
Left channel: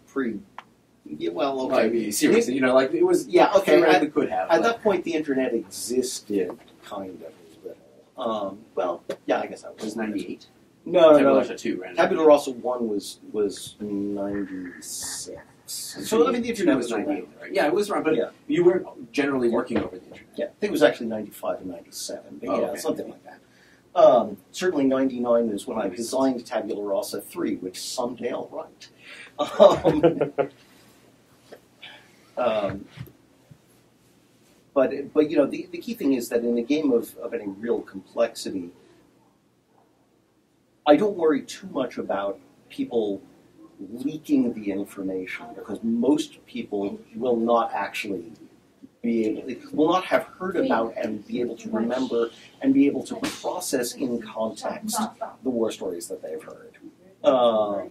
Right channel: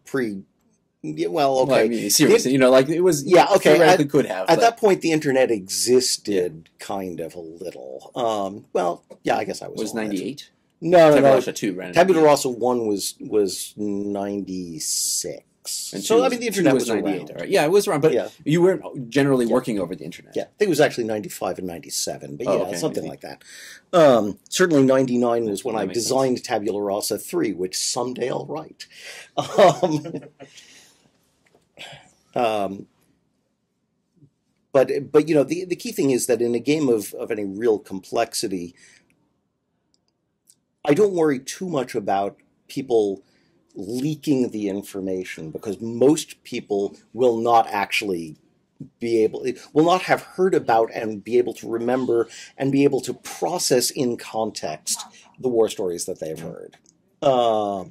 Well, I mean, seriously, like it was. Yeah, okay. Theoretically could have. At that point, the internet existed kind of a little. I guess I was. It was 98. No. Tabula Rasa 2, right? Tabula Rasa 1 was 96. So I mean, the internet was 98. Right? Yeah, it was around, but you weren't generally working over the internet. Yeah, I think it was actually 95 and 97, but something like that. Certainly 99 was when I designed Tabula Rasa 3, which someday I'll write. But the key thing is that in a game of any real complexity, I don't worry too much about people leaking the information, because most people will not actually will not have heard about and be able to remember and be able to process in context the war stories that they've heard. I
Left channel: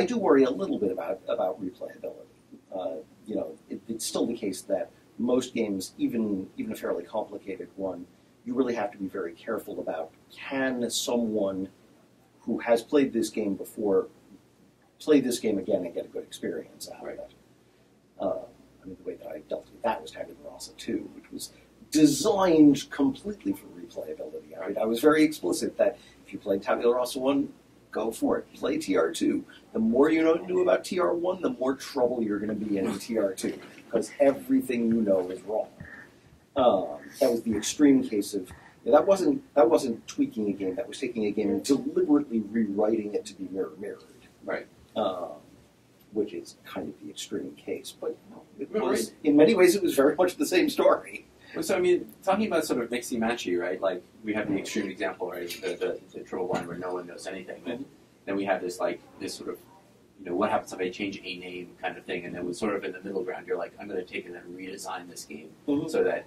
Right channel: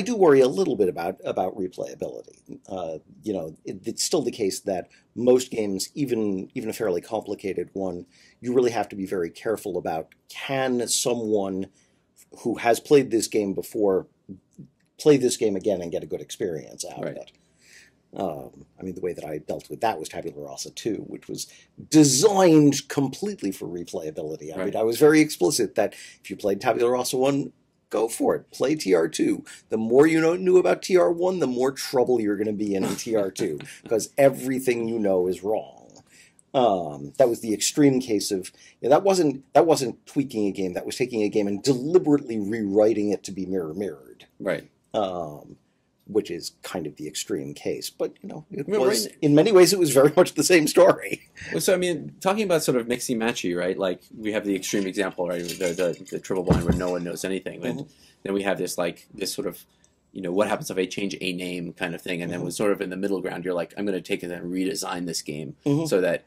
do worry a little bit about replayability. It's still the case that most games, even a fairly complicated one, you really have to be very careful about, can someone who has played this game before play this game again and get a good experience out of it. The way that I dealt with that was Tabula Rasa 2, which was designed completely for replayability. I was very explicit that if you played Tabula Rasa 1, go for it. Play TR2. The more you knew about TR1, the more trouble you're going to be in TR2, because everything you know is wrong. That was the extreme case of that wasn't tweaking a game. That was taking a game and deliberately rewriting it to be mirrored. Right. Which is kind of the extreme case, but it was in many ways it was very much the same story. Well, so talking about sort of mixy matchy, right? Like we have the extreme example, right? The triple blind where no one knows anything, and then we have this sort of what happens if I change a name kind of thing, and then we're sort of in the middle ground. You're like, I'm going to take it and redesign this game so that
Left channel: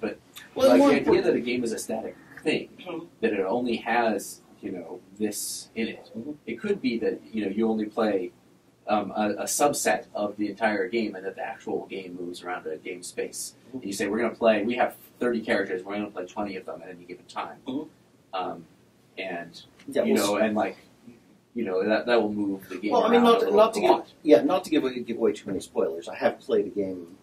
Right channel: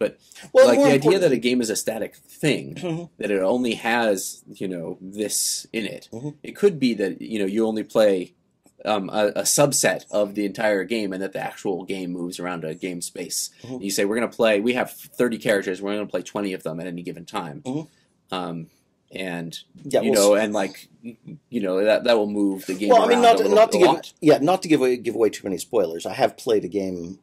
but the idea that a game is a static thing, that it only has this in it. It could be that you only play a subset of the entire game, and that the actual game moves around a game space. You say, we have 30 characters, we're going to play 20 of them at any given time. That will move the game around not to give away too many spoilers. I have played a game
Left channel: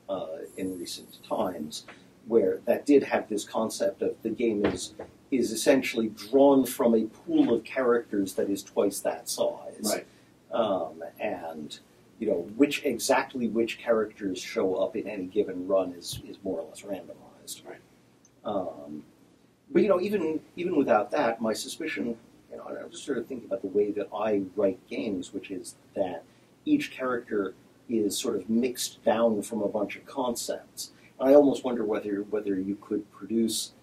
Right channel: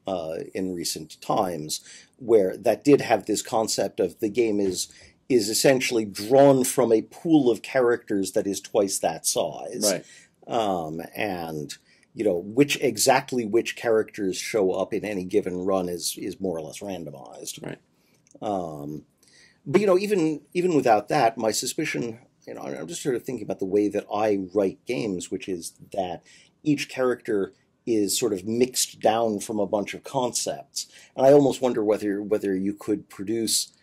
in recent times where that did have this concept of the game is essentially drawn from a pool of characters that is twice that size. Right. And which characters show up in any given run is more or less randomized. Right. But even without that, my suspicion, I'm just sort of thinking about the way that I write games, which is that each character is sort of mixed down from a bunch of concepts, and I almost wonder whether you could produce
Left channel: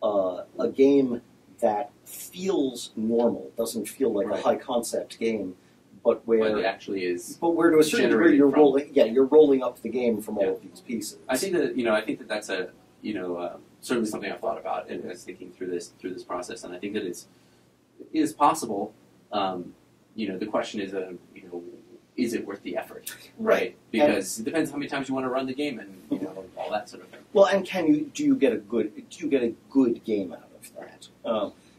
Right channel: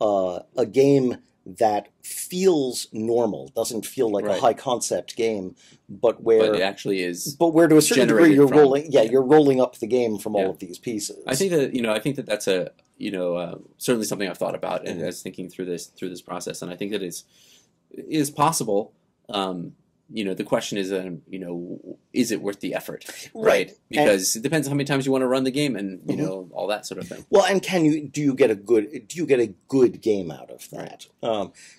a game that feels normal, doesn't feel like a high concept game, but where it actually is. But where to a certain degree you're rolling up the game from all of these pieces. I think that that's a certainly something I've thought about and as thinking through this process, and I think that it is possible. The question is, is it worth the effort, right? Because it depends how many times you want to run the game, and all that sort of thing. Well, and do you get a good game out of that?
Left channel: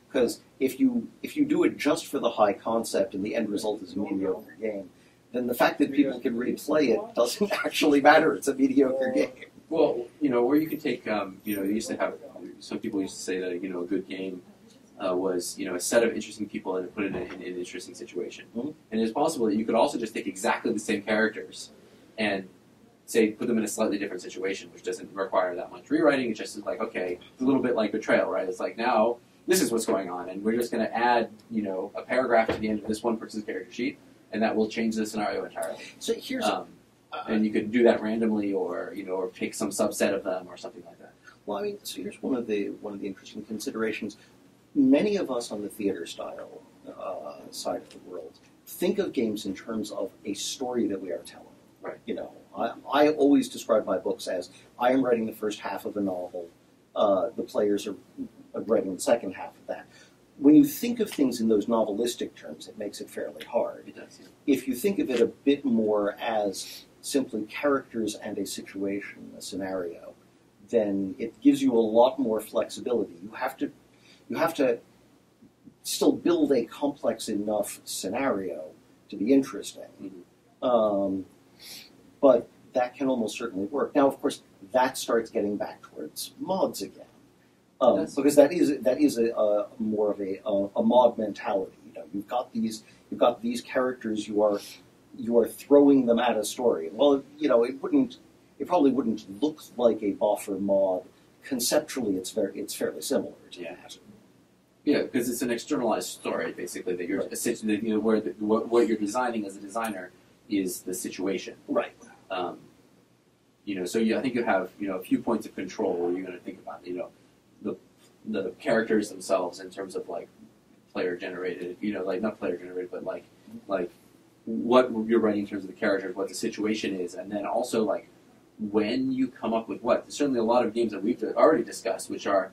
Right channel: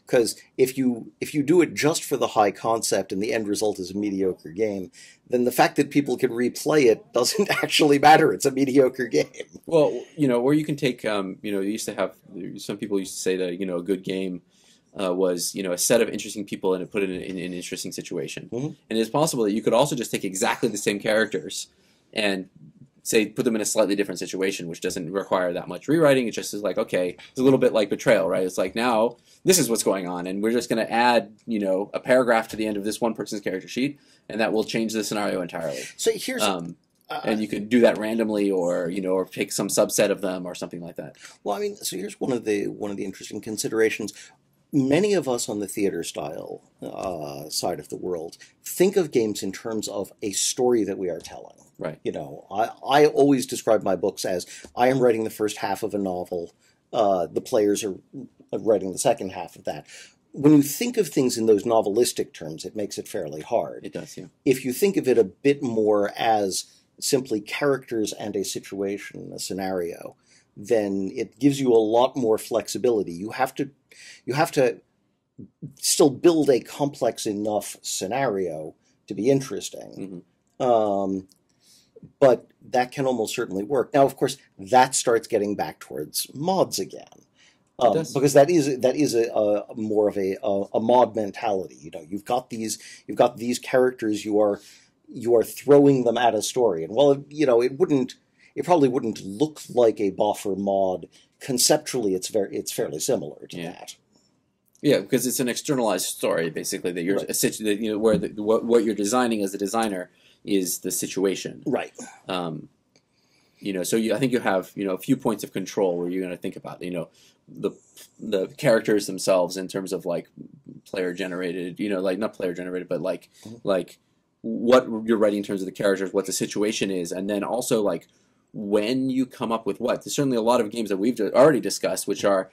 Because if you do it just for the high concept and the end result is a mediocre game, then the fact that people can replay it doesn't actually matter. It's a mediocre game. Well, or you can take, some people used to say that a good game was a set of interesting people and put it in an interesting situation. And it's possible that you could also just take exactly the same characters and put them in a slightly different situation, which doesn't require that much rewriting. It just is like, okay, it's a little bit like Betrayal, right? It's like, now this is what's going on, and we're just going to add a paragraph to the end of this one person's character sheet, and that will change the scenario entirely. So here's and you could do that randomly, or or pick some subset of them, or something like that. Well, so here's one of the interesting considerations. Many of us on the theater style side of the world think of games in terms of a story that we are telling. Right. I always describe my books as I am writing the first half of a novel, the players are writing the second half of that. When you think of things in those novelistic terms, it makes it fairly hard. It does, yeah. If you think of it a bit more as simply characters and a situation, a scenario, then it gives you a lot more flexibility. You have to still build a complex enough scenario to be interesting. But that can almost certainly work. Now, of course, that starts getting back towards mods again. Because that is a more of a mod mentality. You know, you've got these characters. You are throwing them at a story, and well, you know, it probably wouldn't look like a buffer mod. Conceptually, it's fairly similar to that. Yeah, because it's an externalized story basically that you're you know, where what you're designing as a designer is the situation. Right. You know, so I think you have, you know, a few points of control where you're going to think about, you know, the characters themselves in terms of like player generated, you know, like not player generated, but like what you're writing in terms of the characters, what the situation is, and then also like when you come up with what. There's certainly a lot of games that we've already discussed, which are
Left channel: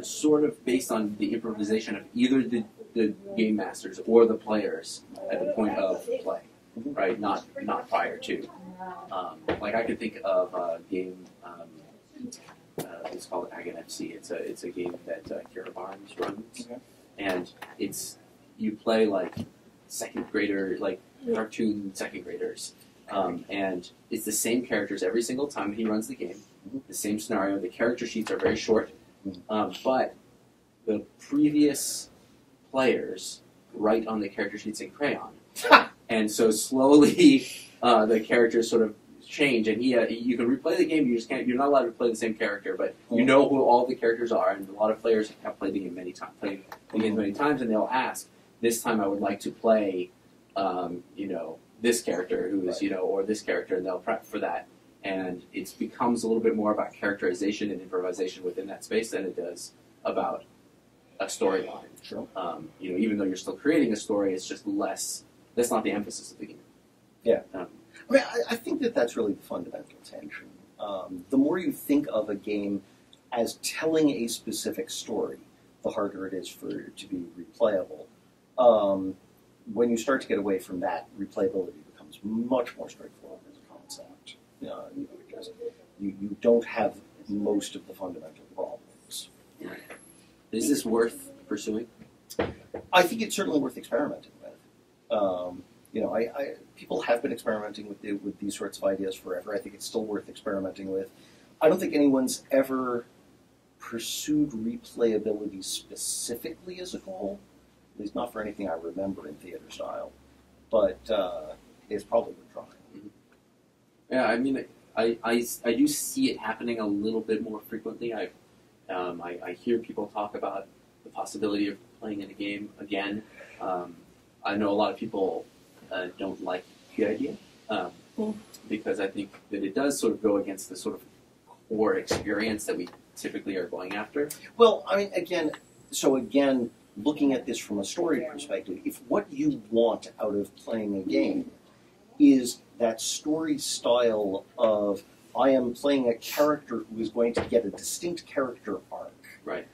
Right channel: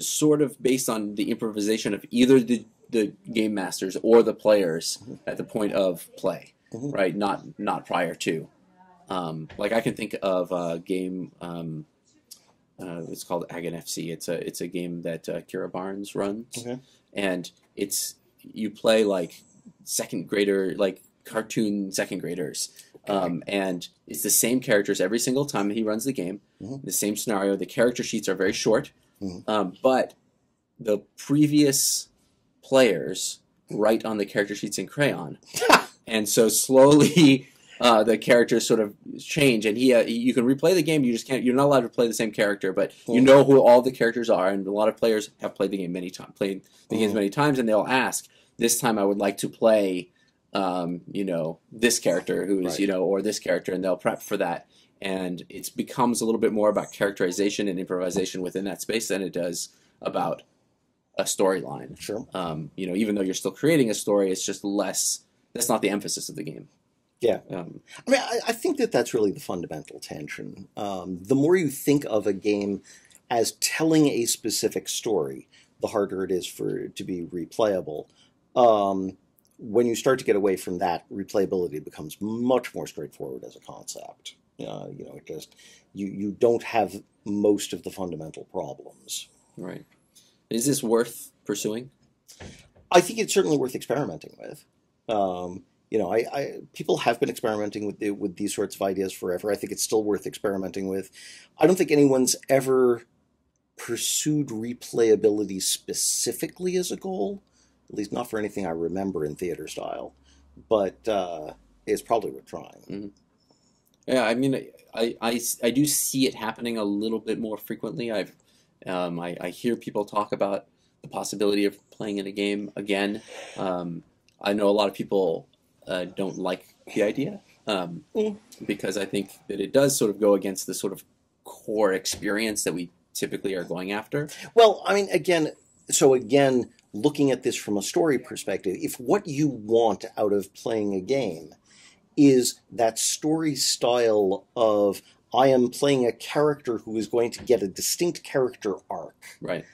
sort of based on the improvisation of either the game masters or the players at the point of play, right? Not prior to. Like I can think of a game. It's called Ag FC. It's a game that Kira Barnes runs, and you play like second grader, like cartoon second graders, and it's the same characters every single time he runs the game. The same scenario. The character sheets are very short, but the previous players write on the character sheets in crayon, and so slowly. The characters sort of change, and you can replay the game. You just can't. You're not allowed to play the same character, but you know who all the characters are. And a lot of players have played the game many times, and they'll ask, "This time, I would like to play, you know, this character who's you know, or this character," and they'll prep for that. And it becomes a little bit more about characterization and improvisation within that space than it does about a storyline. Sure. You know, even though you're still creating a story, it's just less. That's not the emphasis of the game. Yeah. I mean, I think that's really the fundamental tension. The more you think of a game as telling a specific story, the harder it is for it to be replayable. When you start to get away from that, replayability becomes much more straightforward as a concept. You know, it just you don't have most of the fundamental problems. Right. Is this worth pursuing? I think it's certainly worth experimenting with. You know, people have been experimenting with these sorts of ideas forever. I think it's still worth experimenting with. I don't think anyone's ever pursued replayability specifically as a goal, at least not for anything I remember in theater style. But it's probably worth trying. Yeah, I mean, I do see it happening a little bit more frequently. I hear people talk about the possibility of playing in a game again. I know a lot of people don't like the idea because I think that it does sort of go against the sort of core experience that we typically are going after. Well, I mean, again, looking at this from a story perspective, if what you want out of playing a game is that story style of I am playing a character who is going to get a distinct character arc. Right.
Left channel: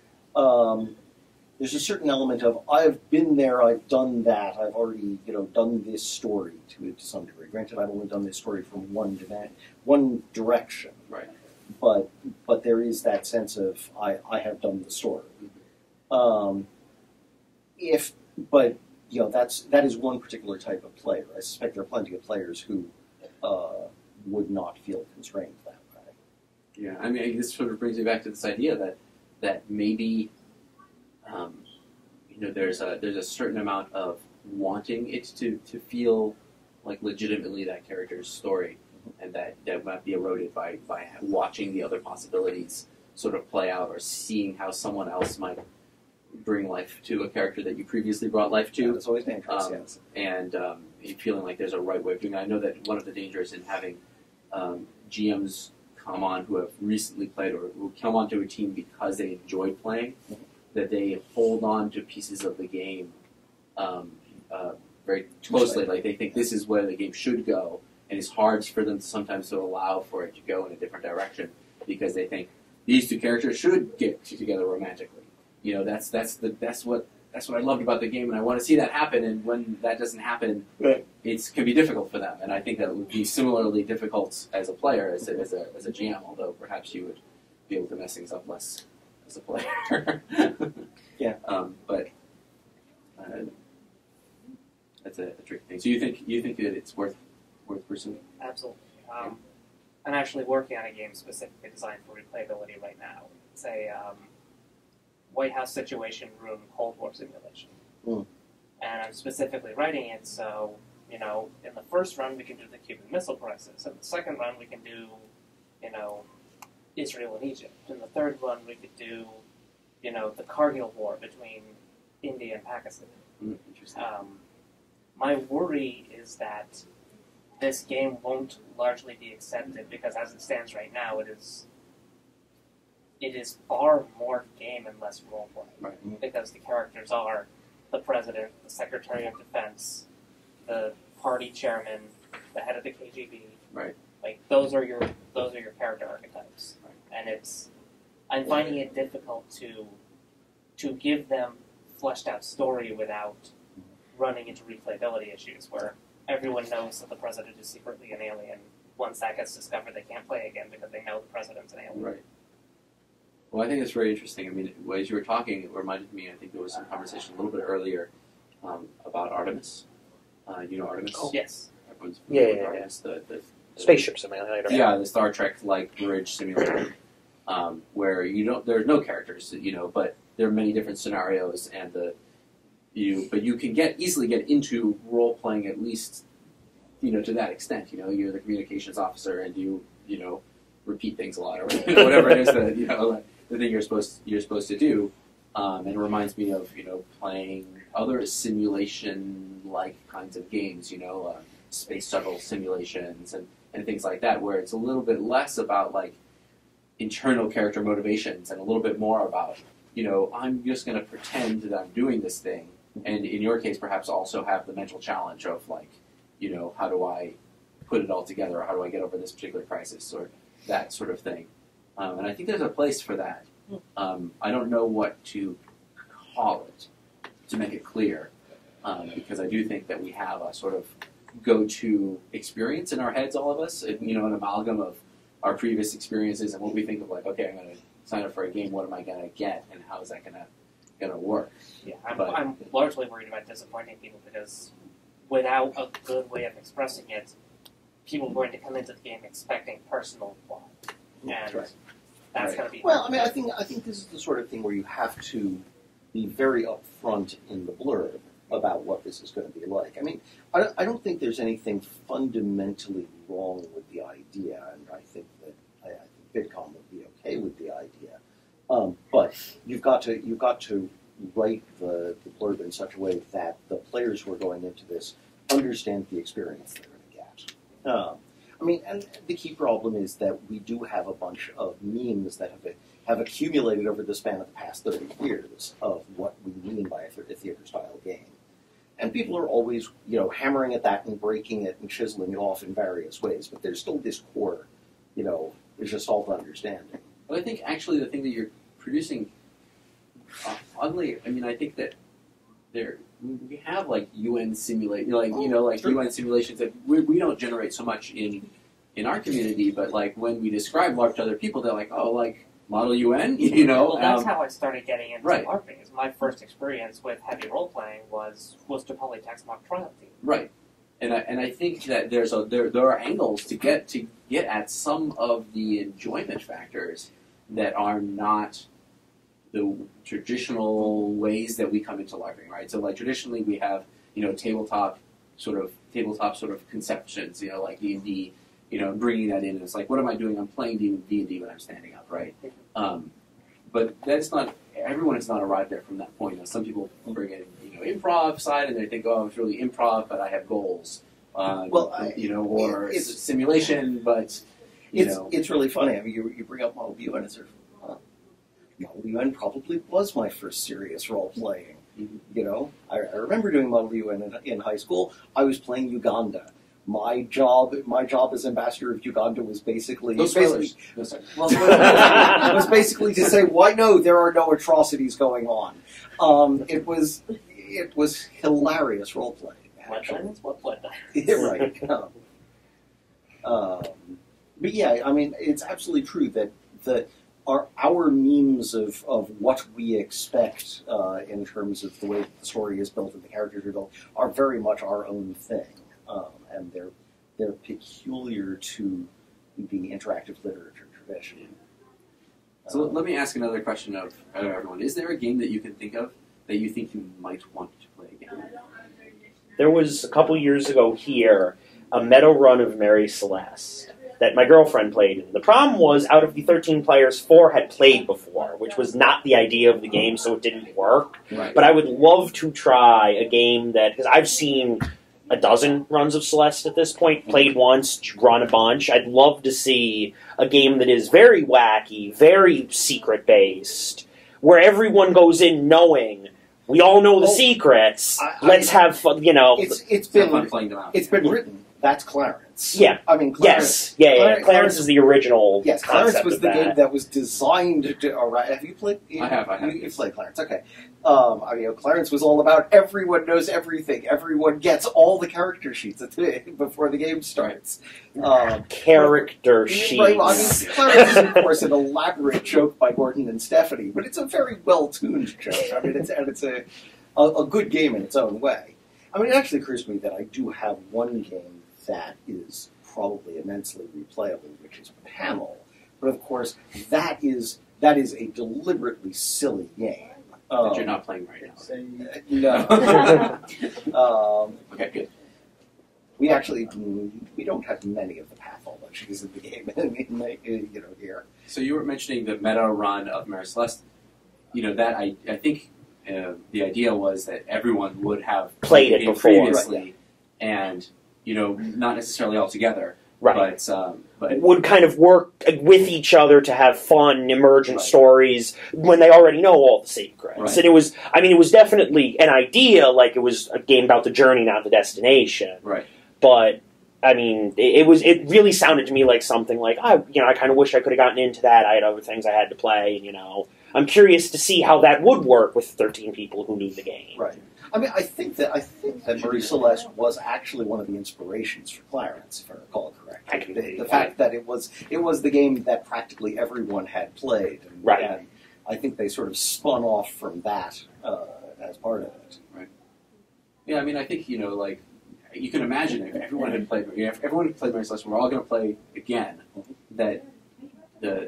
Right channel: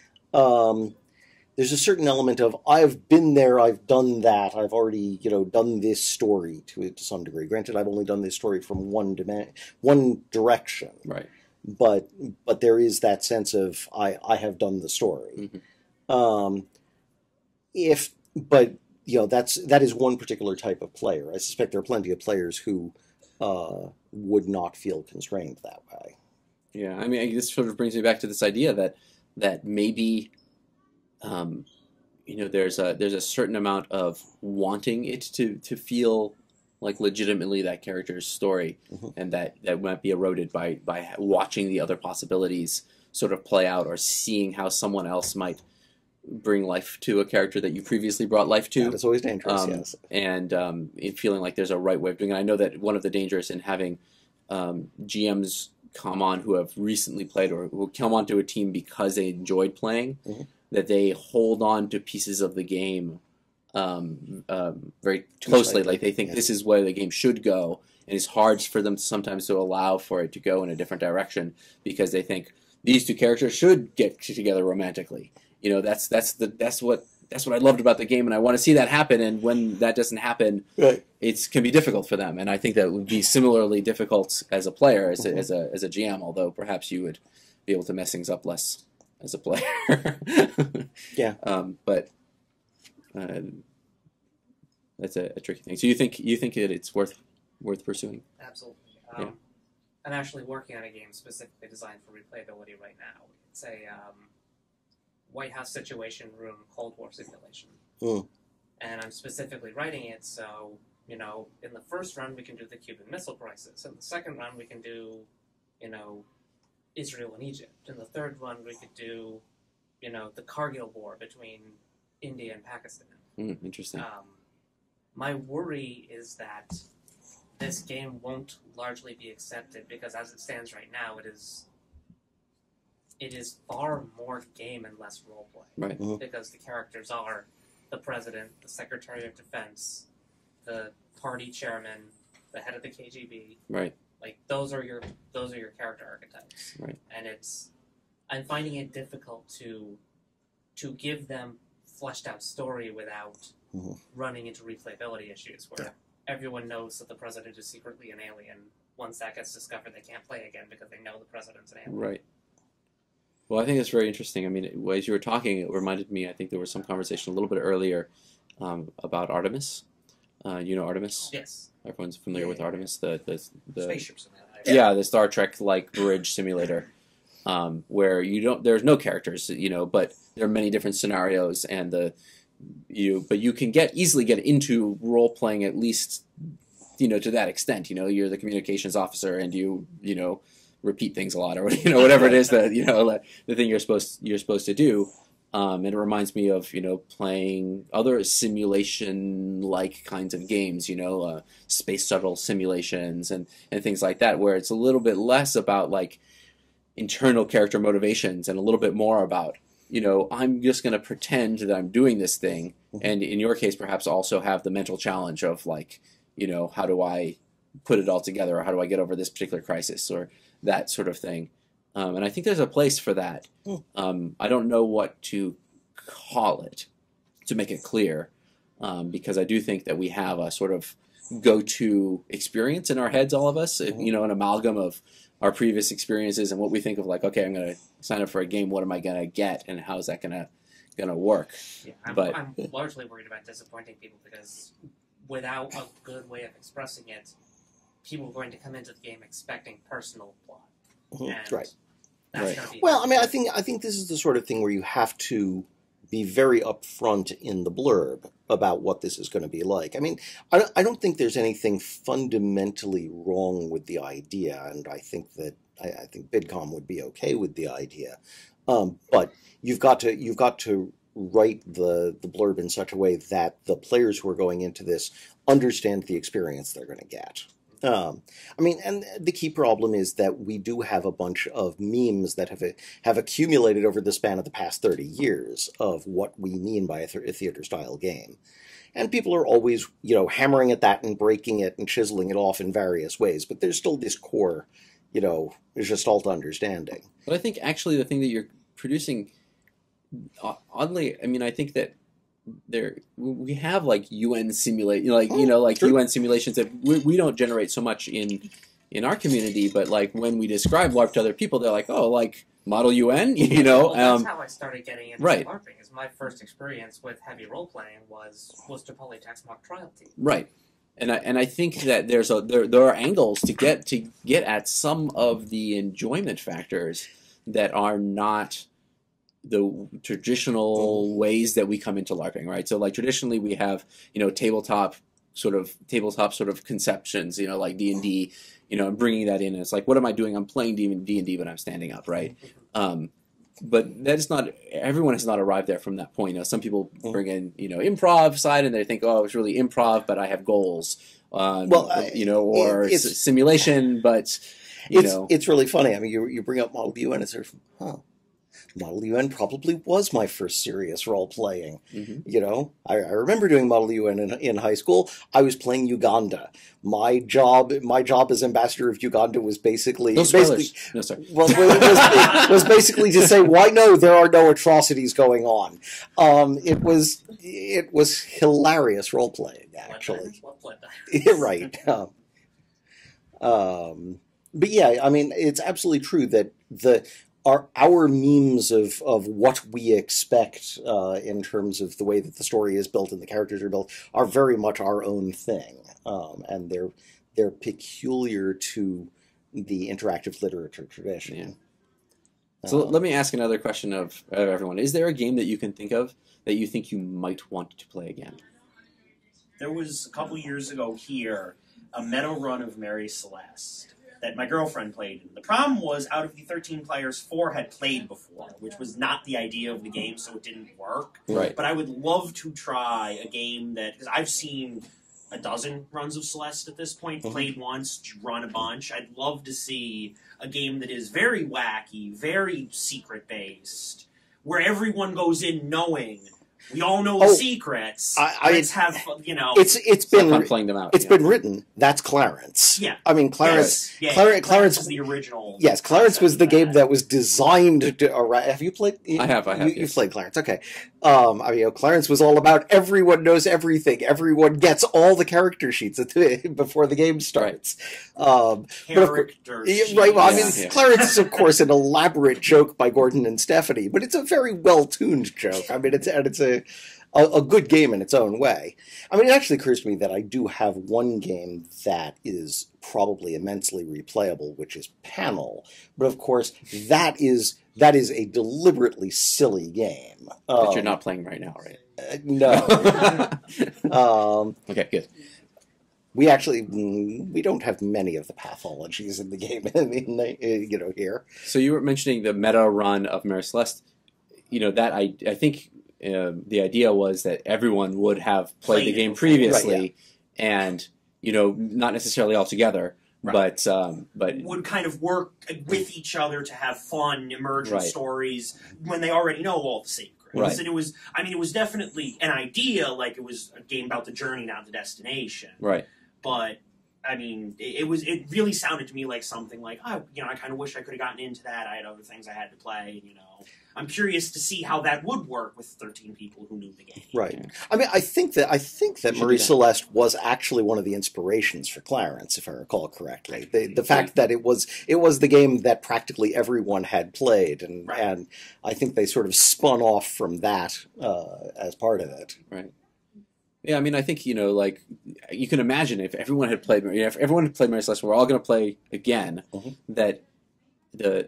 There's a certain element of I've been there, I've done that, I've already done this story to some degree. Granted, I've only done this story from one direction. Right. But there is that sense of I have done the story. That is one particular type of player. I suspect there are plenty of players who would not feel constrained that way. Yeah, I mean, this sort of brings me back to this idea that maybe. There's a certain amount of wanting it to feel like legitimately that character's story, and that might be eroded by watching the other possibilities sort of play out, or seeing how someone else might bring life to a character that you previously brought life to. Yeah, it's always dangerous, yes. And feeling like there's a right way of doing it. I know that one of the dangers in having GMs come on who have recently played or who come onto a team because they enjoyed playing, that they hold on to pieces of the game very closely. Like they think this is where the game should go, and it's hard for them sometimes to allow for it to go in a different direction because they think these two characters should get together romantically. You know, that's what I loved about the game, and I want to see that happen. And when that doesn't happen, it can be difficult for them. And I think that would be similarly difficult as a player, as a GM. Although perhaps you would be able to mess things up less as a player. Yeah. But that's a tricky thing. So you think that it's worth pursuing? Absolutely. I'm actually working on a game specifically designed for replayability right now. It's a White House Situation Room Cold War simulation. Mm. And I'm specifically writing it so, you know, in the first run we can do the Cuban Missile Crisis. In the second run we can do, you know, Israel and Egypt. In the third run we could do, you know, the Kargil War between India and Pakistan. Interesting. My worry is that this game won't largely be accepted because as it stands right now, it is far more game and less roleplay. Right. Mm-hmm. Because the characters are the president, the Secretary of Defense, the party chairman, the head of the KGB. Right. Like those are your character archetypes. Right. And I'm finding it difficult to give them fleshed out story without running into replayability issues where everyone knows that the president is secretly an alien. Once that gets discovered, they can't play again because they know the president's an alien. Right. Well, I think that's very interesting. I mean, as you were talking, it reminded me, I think there was some conversation a little bit earlier about Artemis. You know Artemis? Oh, yes. Everyone's familiar with Artemis. The Spaceship simulator. Yeah, the Star Trek-like bridge simulator, where there's no characters, you know, but there are many different scenarios, and but you can easily get into role playing at least, you know, to that extent. You know, you're the communications officer, and you know, repeat things a lot, or you know, whatever it is that you know the thing you're supposed to do. And it reminds me of, you know, playing other simulation-like kinds of games, you know, space shuttle simulations and things like that, where it's a little bit less about, like, internal character motivations and a little bit more about, you know, I'm just going to pretend that I'm doing this thing, and in your case, perhaps also have the mental challenge of, like, you know, how do I put it all together, or how do I get over this particular crisis, or that sort of thing. And I think there's a place for that. I don't know what to call it to make it clear, because I do think that we have a sort of go-to experience in our heads, all of us, you know, an amalgam of our previous experiences and what we think of, like, okay, I'm going to sign up for a game, what am I going to get, and how's that going to work? Yeah, I'm largely worried about disappointing people because without a good way of expressing it, people are going to come into the game expecting personal plot. And right. That's going to be well, I mean, I think this is the sort of thing where you have to be very upfront in the blurb about what this is going to be like. I mean, I don't think there's anything fundamentally wrong with the idea, and I think that I think Bidcom would be okay with the idea. But you've got to write the blurb in such a way that the players who are going into this understand the experience they're going to get. I mean, and the key problem is that we do have a bunch of memes that have accumulated over the span of the past 30 years of what we mean by a theater-style game. And people are always, you know, hammering at that and breaking it and chiseling it off in various ways. But there's still this core, you know, Gestalt understanding. But I think actually the thing that you're producing, oddly, I mean, I think that we have like UN simulate, like you know, like UN simulations that we don't generate so much in our community, but like when we describe LARP to other people, they're like, oh, like Model UN, you know. Well, that's how I started getting into LARPing. Is my first experience with heavy role playing was to Polytech's mock trial team. Right, and I think that there are angles to get at some of the enjoyment factors that are not the traditional ways that we come into LARPing, right? So, like, traditionally we have, you know, tabletop sort of conceptions, you know, like D&D, you know, and bringing that in. And it's like, what am I doing? I'm playing D&D, but I'm standing up, right? But that's not, everyone has not arrived there from that point. You know, some people bring in, you know, improv side, and they think, oh, it's really improv, but I have goals. You know, or it's simulation, but, you know. It's really funny. I mean, you bring up Model UN and sort of, huh. Model UN probably was my first serious role-playing. Mm-hmm. You know, I remember doing Model UN in high school. I was playing Uganda. My job as ambassador of Uganda was basically... No spoilers. No, sorry. Well, it was basically to say, why no, there are no atrocities going on. It was hilarious role-playing, actually. Right. But yeah, I mean, it's absolutely true that our memes of what we expect in terms of the way that the story is built and the characters are built are very much our own thing, and they're peculiar to the interactive literature tradition. Yeah. So let me ask another question of everyone: is there a game that you can think of that you think you might want to play again? There was a couple years ago here a meta run of Mary Celeste that my girlfriend played in. The problem was, out of the 13 players, 4 had played before, which was not the idea of the game, so it didn't work. Right. But I would love to try a game that, because I've seen a dozen runs of Celeste at this point, played once, run a bunch. I'd love to see a game that is very wacky, very secret-based, where everyone goes in knowing... We all know the secrets. Let's have fun, you know. It's been fun playing them out. It's been written. That's Clarence. Yeah. I mean, Clarence. Yes. Yeah, Clarence is the original. Yes, Clarence was the game that was designed to. Have you played? I have. You've played Clarence. Okay. I mean, Clarence was all about everyone knows everything. Everyone gets all the character sheets before the game starts. Character sheets. Right. Well, I mean, Clarence is, of course, an elaborate joke by Gordon and Stephanie, but it's a very well-tuned joke. I mean, it's a good game in its own way. I mean, it actually occurs to me that I do have one game that is probably immensely replayable, which is Panel. But of course, that is a deliberately silly game. That you're not playing right now, right? No. Okay, good. We don't have many of the pathologies in the game, here. So you were mentioning the meta run of Mary Celeste. That I think the idea was that everyone would have played the game before, previously, right, and not necessarily all together, right. but would kind of work with each other to have fun, emergent stories when they already know all the secrets. Right. And it was definitely an idea, like it was a game about the journey, not the destination. Right. But I mean, it really sounded to me like something like I kind of wish I could have gotten into that. I had other things I had to play, I'm curious to see how that would work with 13 people who knew the game. Right. I mean, I think that Marie Celeste was actually one of the inspirations for Clarence, if I recall correctly. The fact that it was the game that practically everyone had played, and I think they sort of spun off from that as part of it. Right. Yeah, I mean, I think like you can imagine if everyone had played Mary Celeste, we're all going to play again. Mm-hmm. That the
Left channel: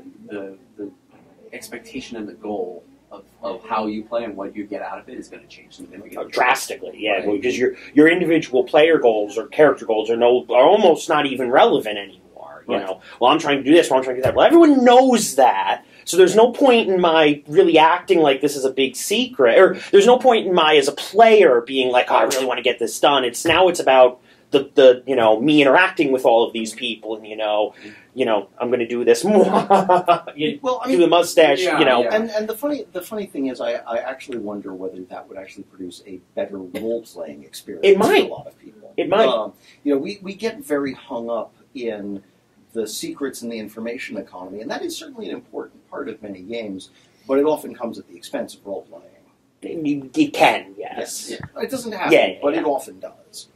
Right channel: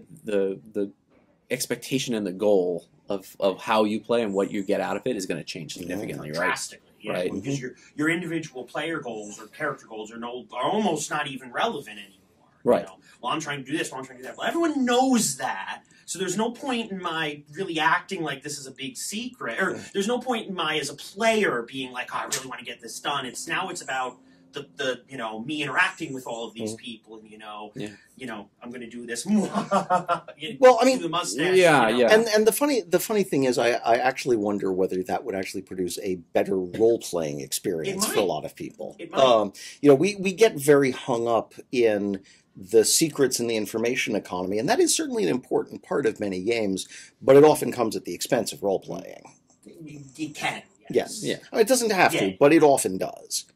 expectation and the goal of how you play and what you get out of it is going to change significantly. Drastically, yeah. Right. Because your individual player goals or character goals are almost not even relevant anymore. Right. Well, I'm trying to do this, well, I'm trying to do that. Well, everyone knows that. So there's no point in my really acting like this is a big secret. Or there's no point in my, as a player, being like, I really want to get this done. It's about the me interacting with all of these people, and I'm going to do this. Well, I mean, do the mustache, And the funny thing is, I actually wonder whether that would actually produce a better role playing experience for a lot of people. It might. We get very hung up in the secrets in the information economy, and that is certainly an important part of many games, but it often comes at the expense of role playing. It can, yes. Yeah. It doesn't have to, but it often does.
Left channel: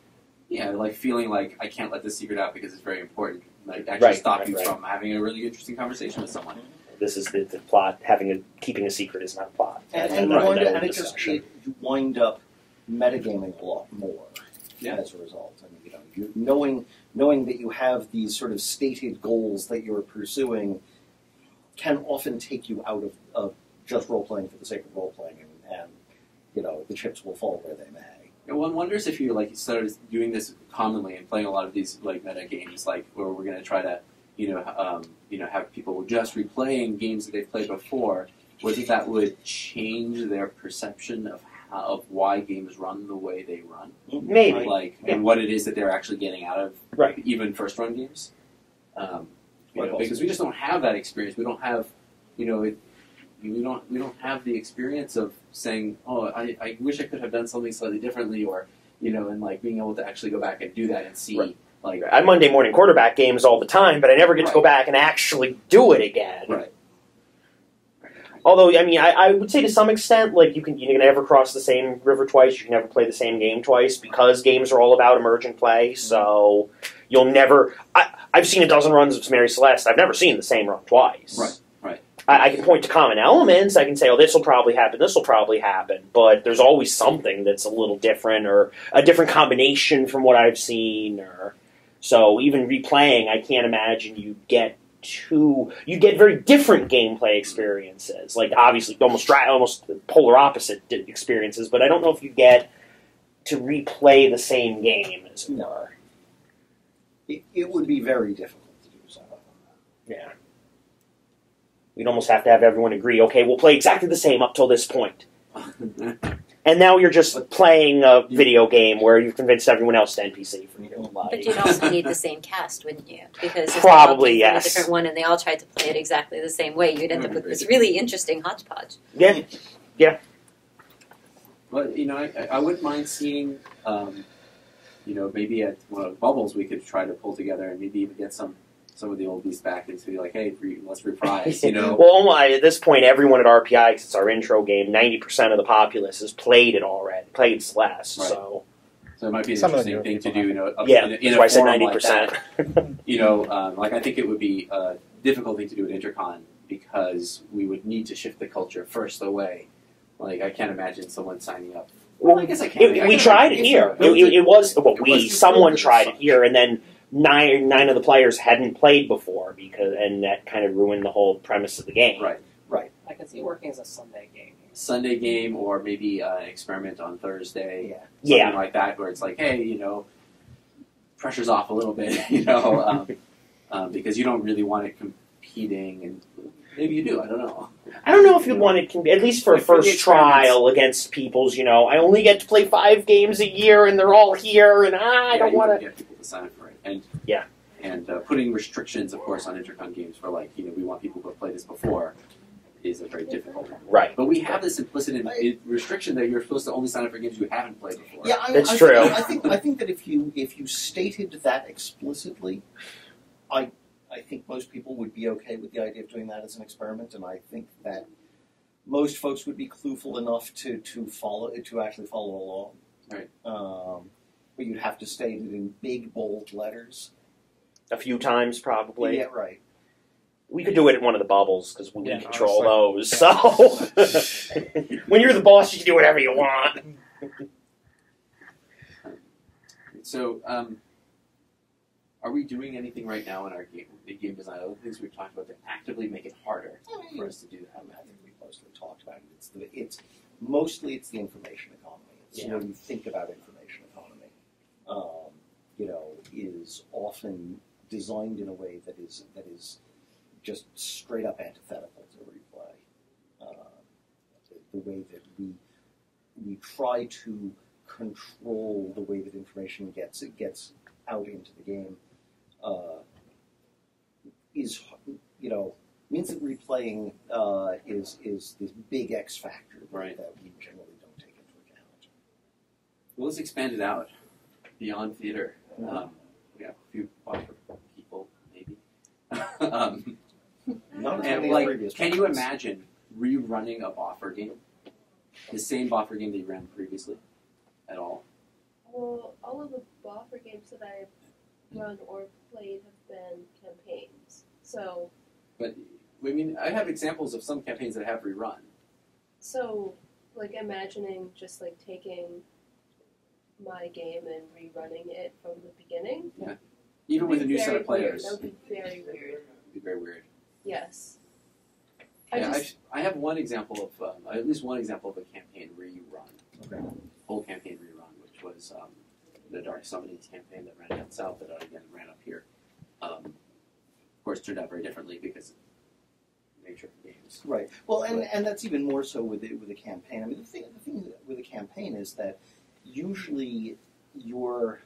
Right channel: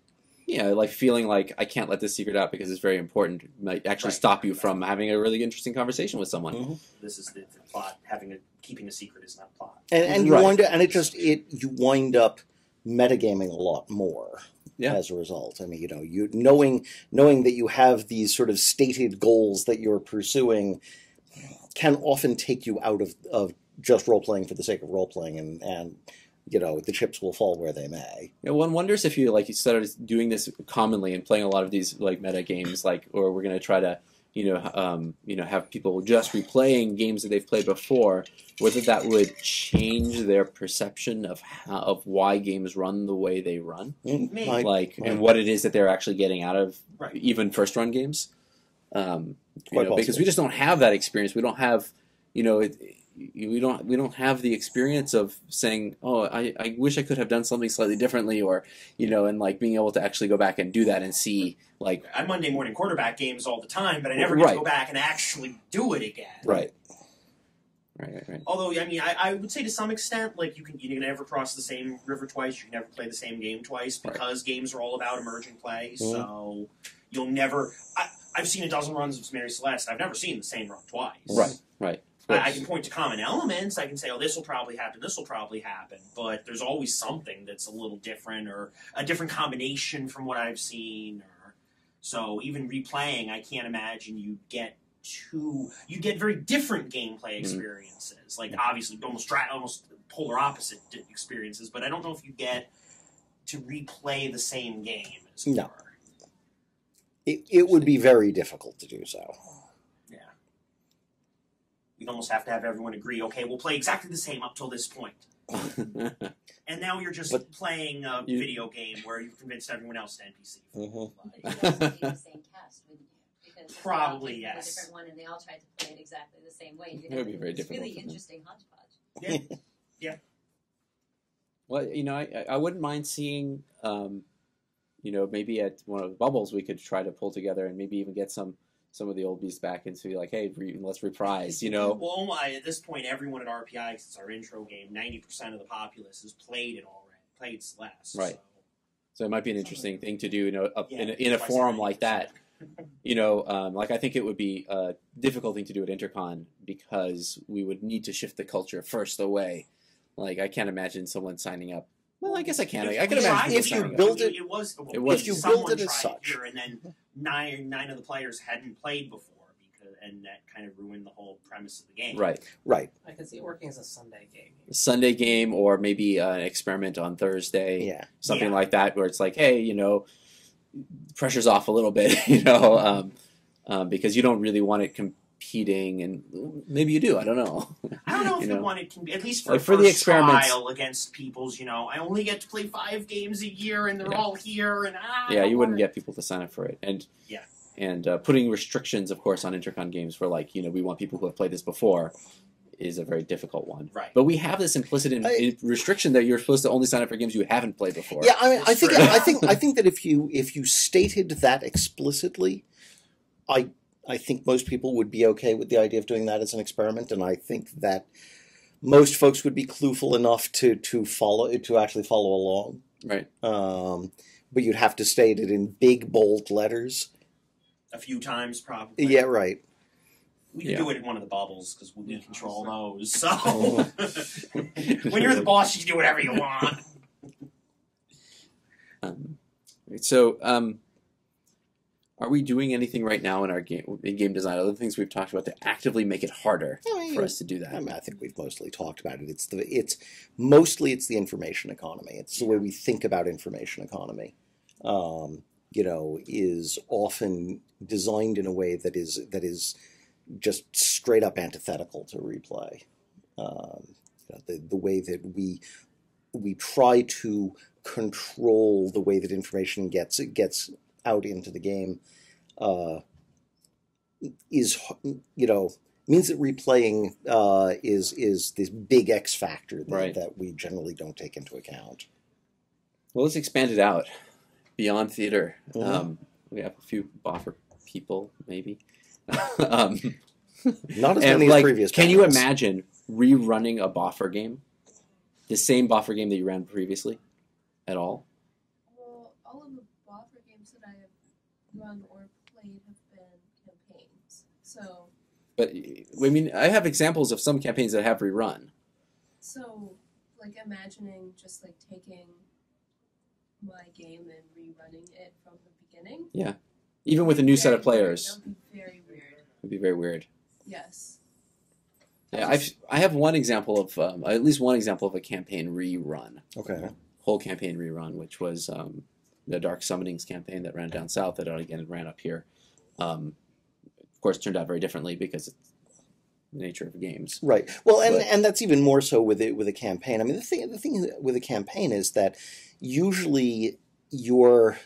Yeah, like feeling like I can't let this secret out because it's very important might actually stop you from having a really interesting conversation with someone. Mm-hmm. This is the plot. Keeping a secret is not a plot. And you wind up metagaming a lot more as a result. I mean, you knowing that you have these sort of stated goals that you're pursuing can often take you out of just role playing for the sake of role playing, and the chips will fall where they may. One wonders if you started doing this commonly and playing a lot of these meta games, or we're going to try to have people just replaying games that they've played before, whether that would change their perception of why games run the way they run, maybe, and what it is that they're actually getting out of even first run games, because we just don't have that experience. We don't have we don't have the experience of saying, oh, I wish I could have done something slightly differently, or and like being able to actually go back and do that and see. Right. Like I Monday morning quarterback games all the time, but I never get to Right. go back and actually do it again. Right. Although, I mean, I would say to some extent, like you can never cross the same river twice. You can never play the same game twice because games are all about emergent play. Mm-hmm. So you'll never. I've seen a dozen runs of Mary Celeste. I've never seen the same run twice. Right. I can point to common elements. I can say, oh, this will probably happen. This will probably happen. But there's always something that's a little different, or a different combination from what I've seen. Or so even replaying, I can't imagine you get very different gameplay experiences. Like obviously, almost polar opposite experiences. But I don't know if you get to replay the same game as it were. It would be very difficult to do so. Yeah. We'd almost have to have everyone agree, okay, we'll play exactly the same up till this point. And now you're just playing a video game where you've convinced everyone else to NPC for your life. But you'd also need the same cast, wouldn't you? Because if Probably, they all came from yes. a different one and they all tried to play it exactly the same way, you'd end up with this really interesting hodgepodge. Yeah. Well, I wouldn't mind seeing, maybe at one of the bubbles we could try to pull together and maybe even get some of the oldies back and be like, hey, let's reprise, Well, at this point, everyone at RPI, because it's our intro game, 90% of the populace has played it already, played Celeste, Right. So it might be an Some of interesting the thing to do, in that's a why I said forum like 90%. that. Like I think it would be a difficult thing to do at Intercon because we would need to shift the culture first away. Like I can't imagine someone signing up. Well, I guess I can. We tried it here. Someone tried it such. here, and then nine of the players hadn't played before and that kind of ruined the whole premise of the game. Right. I can see it working as a Sunday game. Sunday game, or maybe an experiment on Thursday. Yeah. Something like that, where it's like, hey, pressure's off a little bit, because you don't really want it competing, and maybe you do. I don't know. I don't know if you want it, at least for a Like for the first trial against people's, I only get to play 5 games a year and they're all here and I don't you want wouldn't to. get people to sign up for it. And Yeah. putting restrictions, of course, on Intercon games for we want people who have played this before is a very difficult one. Right. But we have this implicit restriction that you're supposed to only sign up for games you haven't played before. Yeah, That's true. I think that if you stated that explicitly, I think most people would be okay with the idea of doing that as an experiment, and I think that most folks would be clueful enough to actually follow along. Right. But you'd have to state it in big bold letters. A few times, probably. Yeah, right. We could do it at one of the bubbles, because we Yeah, control those, so... when you're the boss, you can do whatever you want. Are we doing anything right now in our game design, other things we've talked about, to actively make it harder for us to do that? I think we've mostly talked about it. It's mostly the information economy. It's the way we think about information economy. Is often designed in a way that is just straight up antithetical to replay. The way that we try to control the way that information gets out into the game is means that replaying is this big X factor that we generally don't take into account. Well, let's expand it out beyond theater. Mm-hmm. We have a few buffer people, maybe. Not as many as previous. Can you imagine rerunning a buffer game, the same buffer game that you ran previously, at all? Well, all of the buffer games that I've run or played have been campaigns. So. But I have examples of some campaigns that have rerun. So, imagining just taking my game and rerunning it from the beginning. Yeah, even with a new set of players. That would be very weird. It would be very weird. Yes. Yeah, I have one example of at least one example of a campaign rerun. Okay. Whole campaign rerun, which was the Dark Summonings campaign that ran down south that again ran up here. Of course, turned out very differently because it's the nature of games. Right. Well, and that's even more so with a campaign. I mean, the thing with a campaign is that usually you're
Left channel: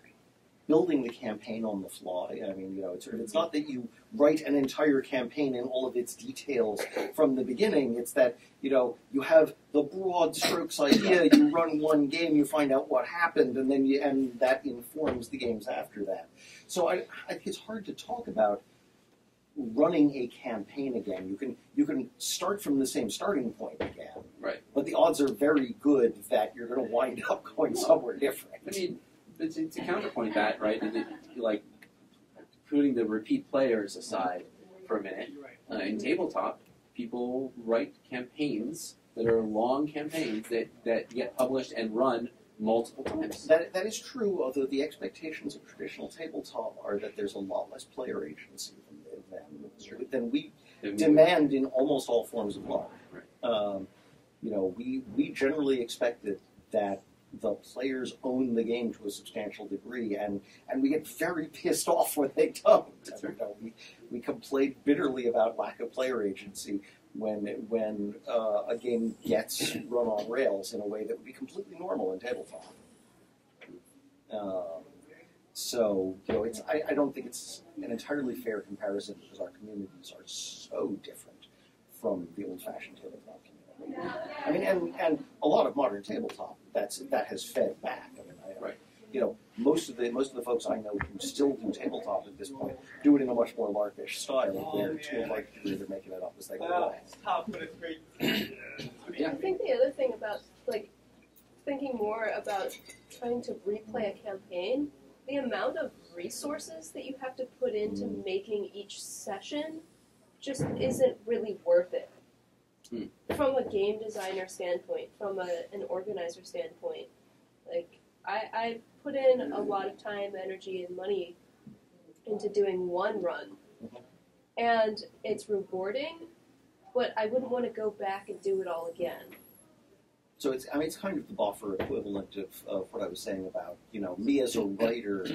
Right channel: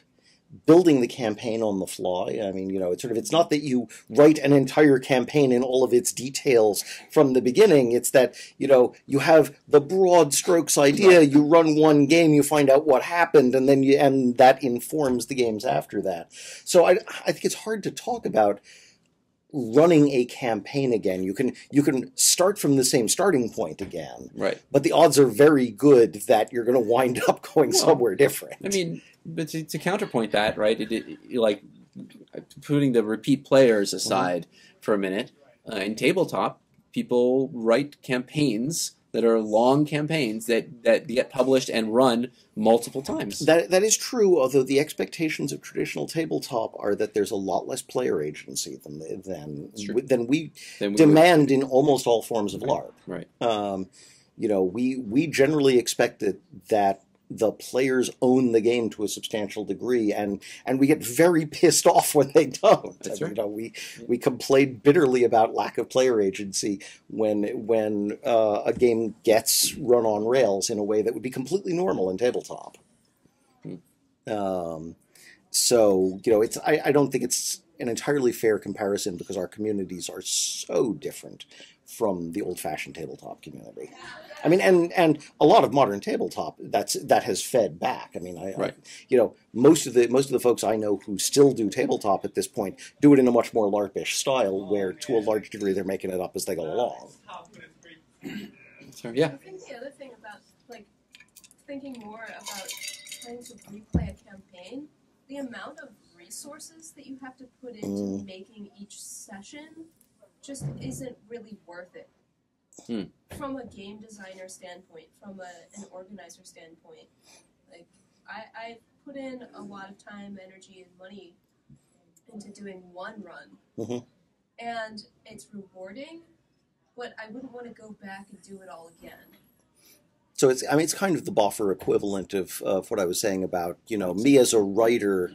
building the campaign on the fly. I mean, it's not that you write an entire campaign in all of its details from the beginning. It's that, you have the broad strokes idea, you run one game, you find out what happened, and and that informs the games after that. So I think it's hard to talk about running a campaign again. You can start from the same starting point again, right? But the odds are very good that you're going to wind up going somewhere different. I mean, but to counterpoint that, right? Like putting the repeat players aside for a minute, in tabletop, people write campaigns that are long campaigns that get published and run multiple times. That is true, although the expectations of traditional tabletop are that there's a lot less player agency than we demand in almost all forms of LARP. Right. We generally expect that the players own the game to a substantial degree, and we get very pissed off when they don't. That's right. We complain bitterly about lack of player agency when a game gets run on rails in a way that would be completely normal in tabletop. So I don't think it's an entirely fair comparison because our communities are so different from the old-fashioned tabletop community. I mean, and a lot of modern tabletop that has fed back. I mean, right. Most of the folks I know who still do tabletop at this point do it in a much more LARP-ish style, where to a large degree they're making it up as they go along. So, yeah. I think the other thing about thinking more about trying to replay a campaign, the amount of resources that you have to put into making each session just isn't really worth it. From a game designer standpoint, from an organizer standpoint. I put in a lot of time, energy, and money into doing one run. And it's rewarding, but I wouldn't want to go back and do it all again. So it's kind of the buffer equivalent of what I was saying about, me as a writer,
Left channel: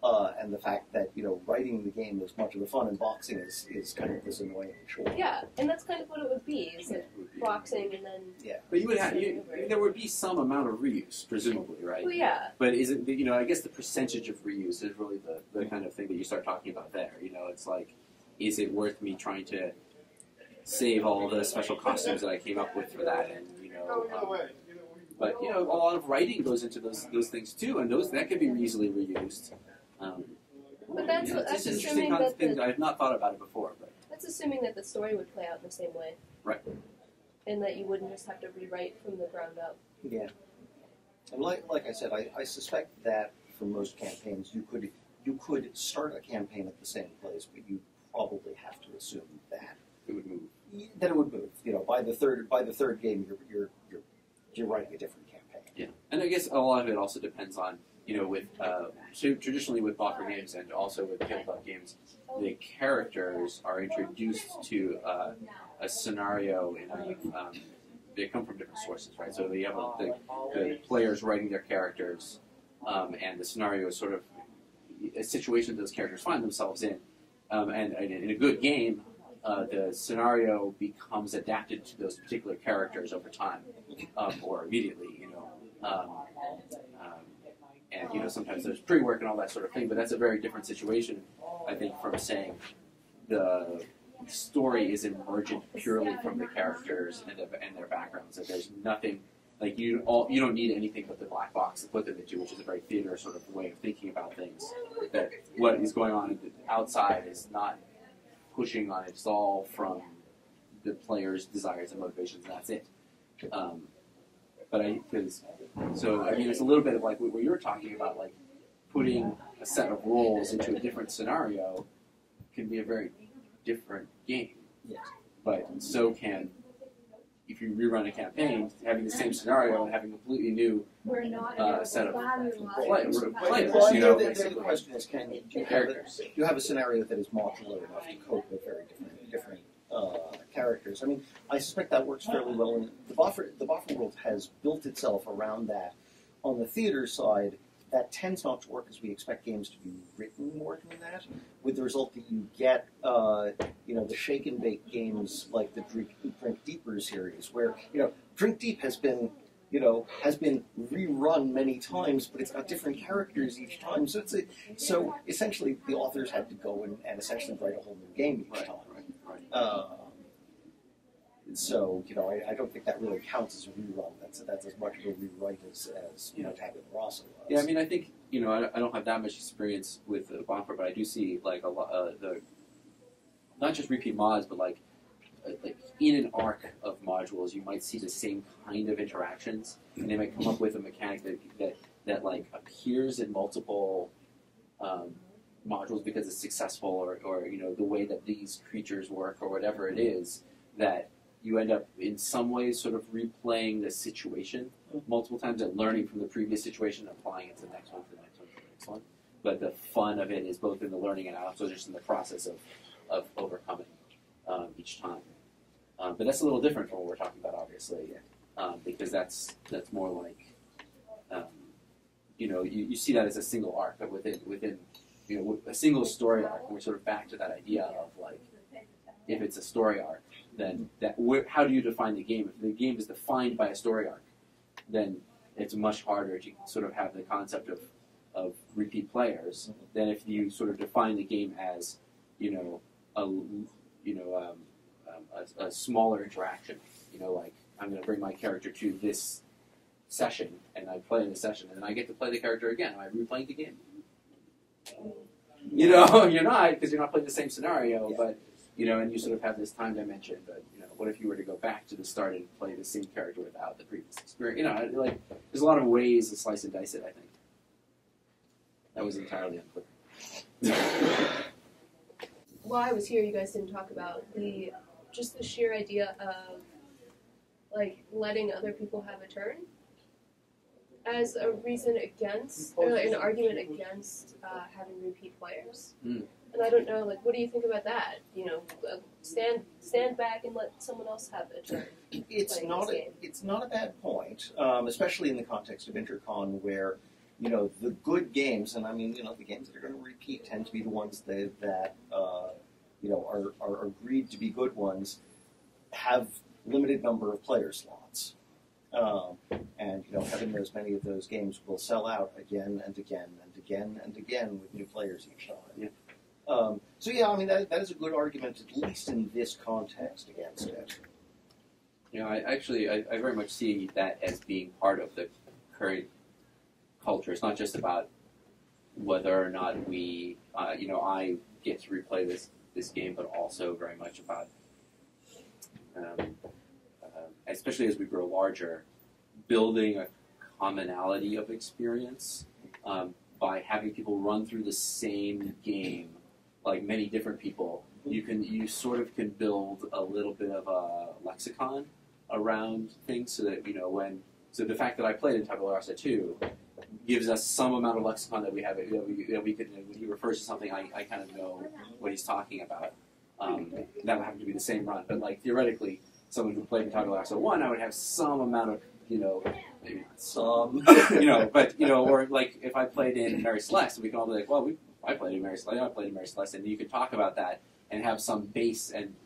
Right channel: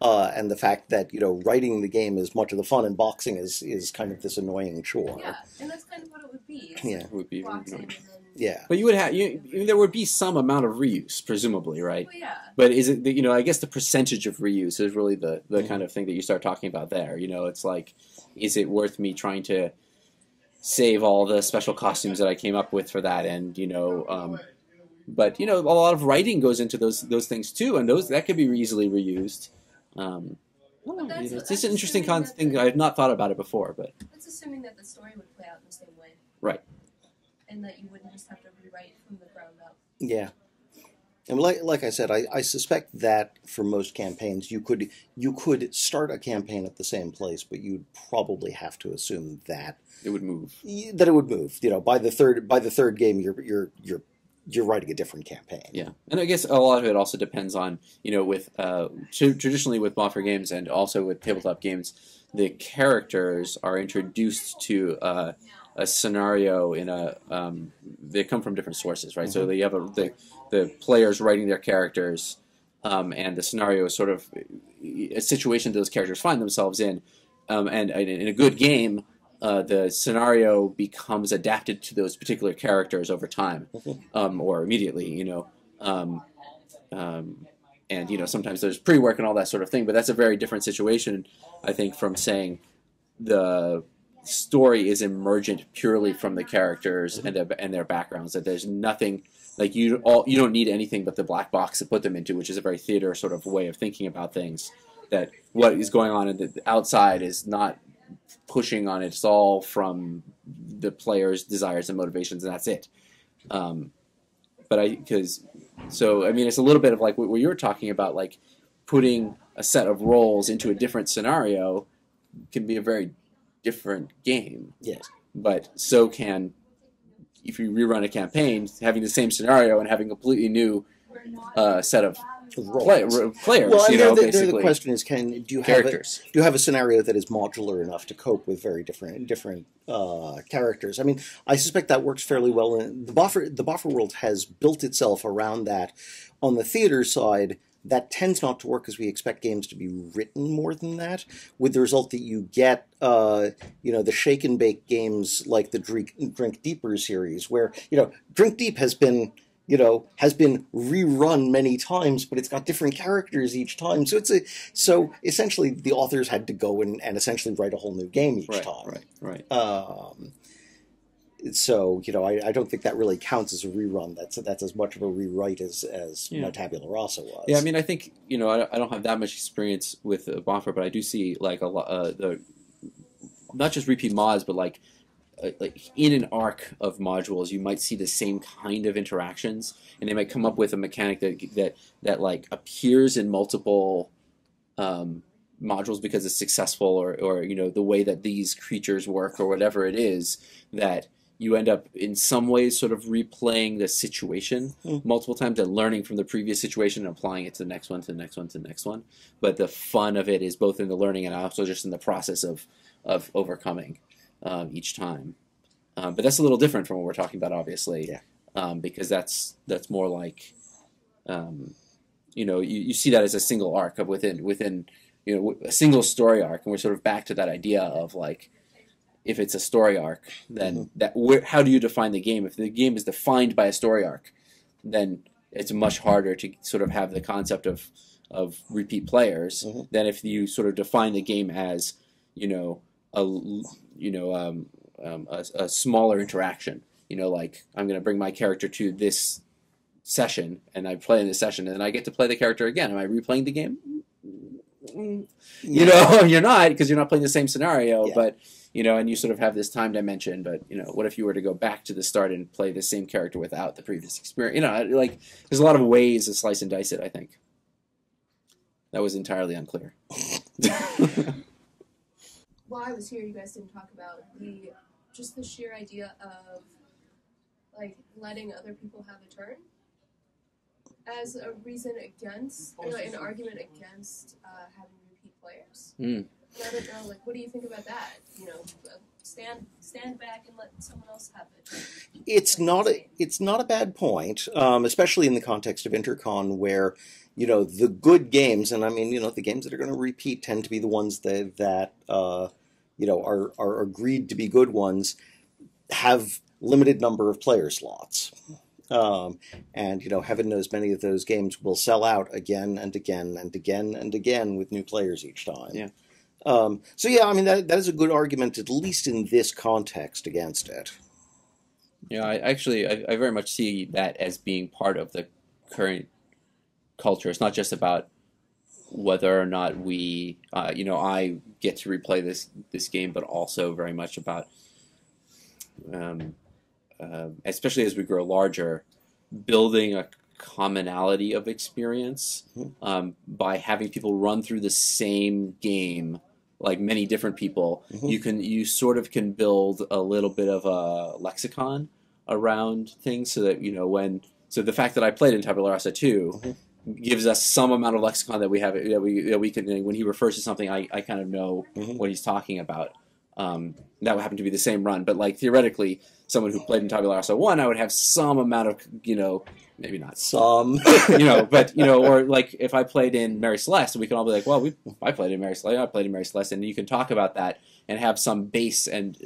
and the fact that, writing the game is much of the fun, and boxing is kind of this annoying chore. Yeah, and that's kind of what it would be. It would be boxing and then... Yeah. But you would have, there would be some amount of reuse, presumably, right? Well, yeah. But is it, I guess the percentage of reuse is really the kind of thing that you start talking about there. It's like, is it worth me trying to save all the special costumes that I came up with for that, and, but, a lot of writing goes into those things too, and that can be easily reused. It's just an interesting thing. I've not thought about it before, but that's assuming that the story would play out the same way, right? And that you wouldn't just have to rewrite from the ground up. Yeah, and like I said, I suspect that for most campaigns, you could start a campaign at the same place, but you'd probably have to assume that it would move. That it would move. By the third game, you're writing a different campaign. Yeah, and I guess a lot of it also depends on, with traditionally with buffer games and also with tabletop games, the characters are introduced to a scenario in they come from different sources, right? So you have the players writing their characters, and the scenario is sort of a situation that those characters find themselves in, and in a good game, the scenario becomes adapted to those particular characters over time, or immediately, and sometimes there's pre-work and all that sort of thing, but that's a very different situation, I think, from saying the story is emergent purely from the characters and their backgrounds, that there's nothing, like you don't need anything but the black box to put them into, which is a very theater sort of way of thinking about things, that what is going on in the outside is not pushing on it. It's all from the player's desires and motivations, and that's it. It's a little bit of like what you were talking about, like putting a set of roles into a different scenario can be a very different game. Yes. But so can, if you rerun a campaign, having the same scenario and having a completely new set of players. Well, the question is, do you have a scenario that is modular enough to cope with very different characters? I mean, I suspect that works fairly well. The buffer world has built itself around that. On the theater side, that tends not to work because we expect games to be written more than that, with the result that you get, the shake and bake games like the Drink Deeper series, where, Drink Deep has been has been rerun many times, but it's got different characters each time. So essentially the authors had to go and essentially write a whole new game each time. Right. So I don't think that really counts as a rerun. That's as much of a rewrite as my Tabula Rasa was. Yeah, I mean, I think I don't have that much experience with Bonfire, but I do see like a lot not just repeat mods, but like in an arc of modules, you might see the same kind of interactions, and they might come up with a mechanic that like appears in multiple modules because it's successful, or the way that these creatures work, or whatever it is, that you end up in some ways sort of replaying the situation multiple times and learning from the previous situation and applying it to the next one, to the next one, to the next one. But the fun of it is both in the learning and also just in the process of overcoming each time. But that's a little different from what we're talking about, obviously, because that's more like, you see that as a single arc of within a single story arc, and we're sort of back to that idea of like, if it's a story arc, then how do you define the game? If the game is defined by a story arc, then it's much harder to sort of have the concept of repeat players than if you sort of define the game as a smaller interaction. Like I'm going to bring my character to this session, and I play in this session, and then I get to play the character again. Am I replaying the game? You're not, because you're not playing the same scenario, but. And you sort of have this time dimension, but, what if you were to go back to the start and play the same character without the previous experience? Like, there's a lot of ways to slice and dice it, I think. That was entirely unclear. While I was here, you guys didn't talk about the sheer idea of, like, letting other people have a turn as a reason against, or an argument against having repeat players. And I don't know, like, what do you think about that? Stand back and let someone else have a turn. It's not a bad point, especially in the context of Intercon, where the good games, and I mean the games that are going to repeat tend to be the ones that are agreed to be good ones, have limited number of player slots. And heaven knows many of those games will sell out again and again and again and again with new players each time. Yeah. I mean that is a good argument, at least in this context, against it. I very much see that as being part of the current culture. It's not just about whether or not we, I get to replay this game, but also very much about, especially as we grow larger, building a commonality of experience by having people run through the same game, like many different people. You sort of can build a little bit of a lexicon around things, so that so the fact that I played in Tabula Rasa 2 gives us some amount of lexicon that we have that we can, when he refers to something, I kind of know what he's talking about. That would happen to be the same run, but like theoretically, someone who played in Tabula Rasa 1, I would have some amount of, maybe not some, but, or like if I played in Mary Celeste, we can all be like, well, I played in Mary Celeste, I played in Mary Celeste, and you can talk about that and have some base, and,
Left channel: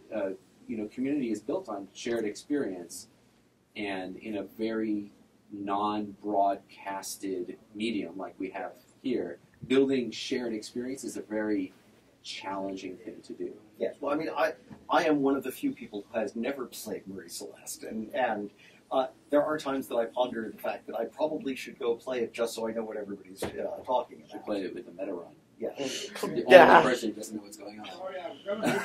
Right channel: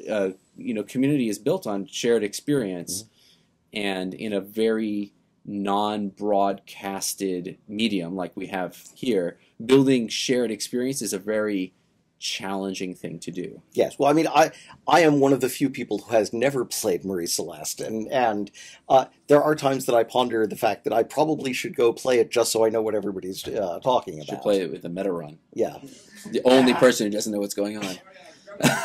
community is built on shared experience, and in a very non-broadcasted medium like we have here, building shared experience is a very challenging thing to do. Yes, well, I mean, I am one of the few people who has never played Marie Celeste, and there are times that I ponder the fact that I probably should go play it just so I know what everybody's talking about. You should play it with a meta run. Yeah. The only person who doesn't know what's going on.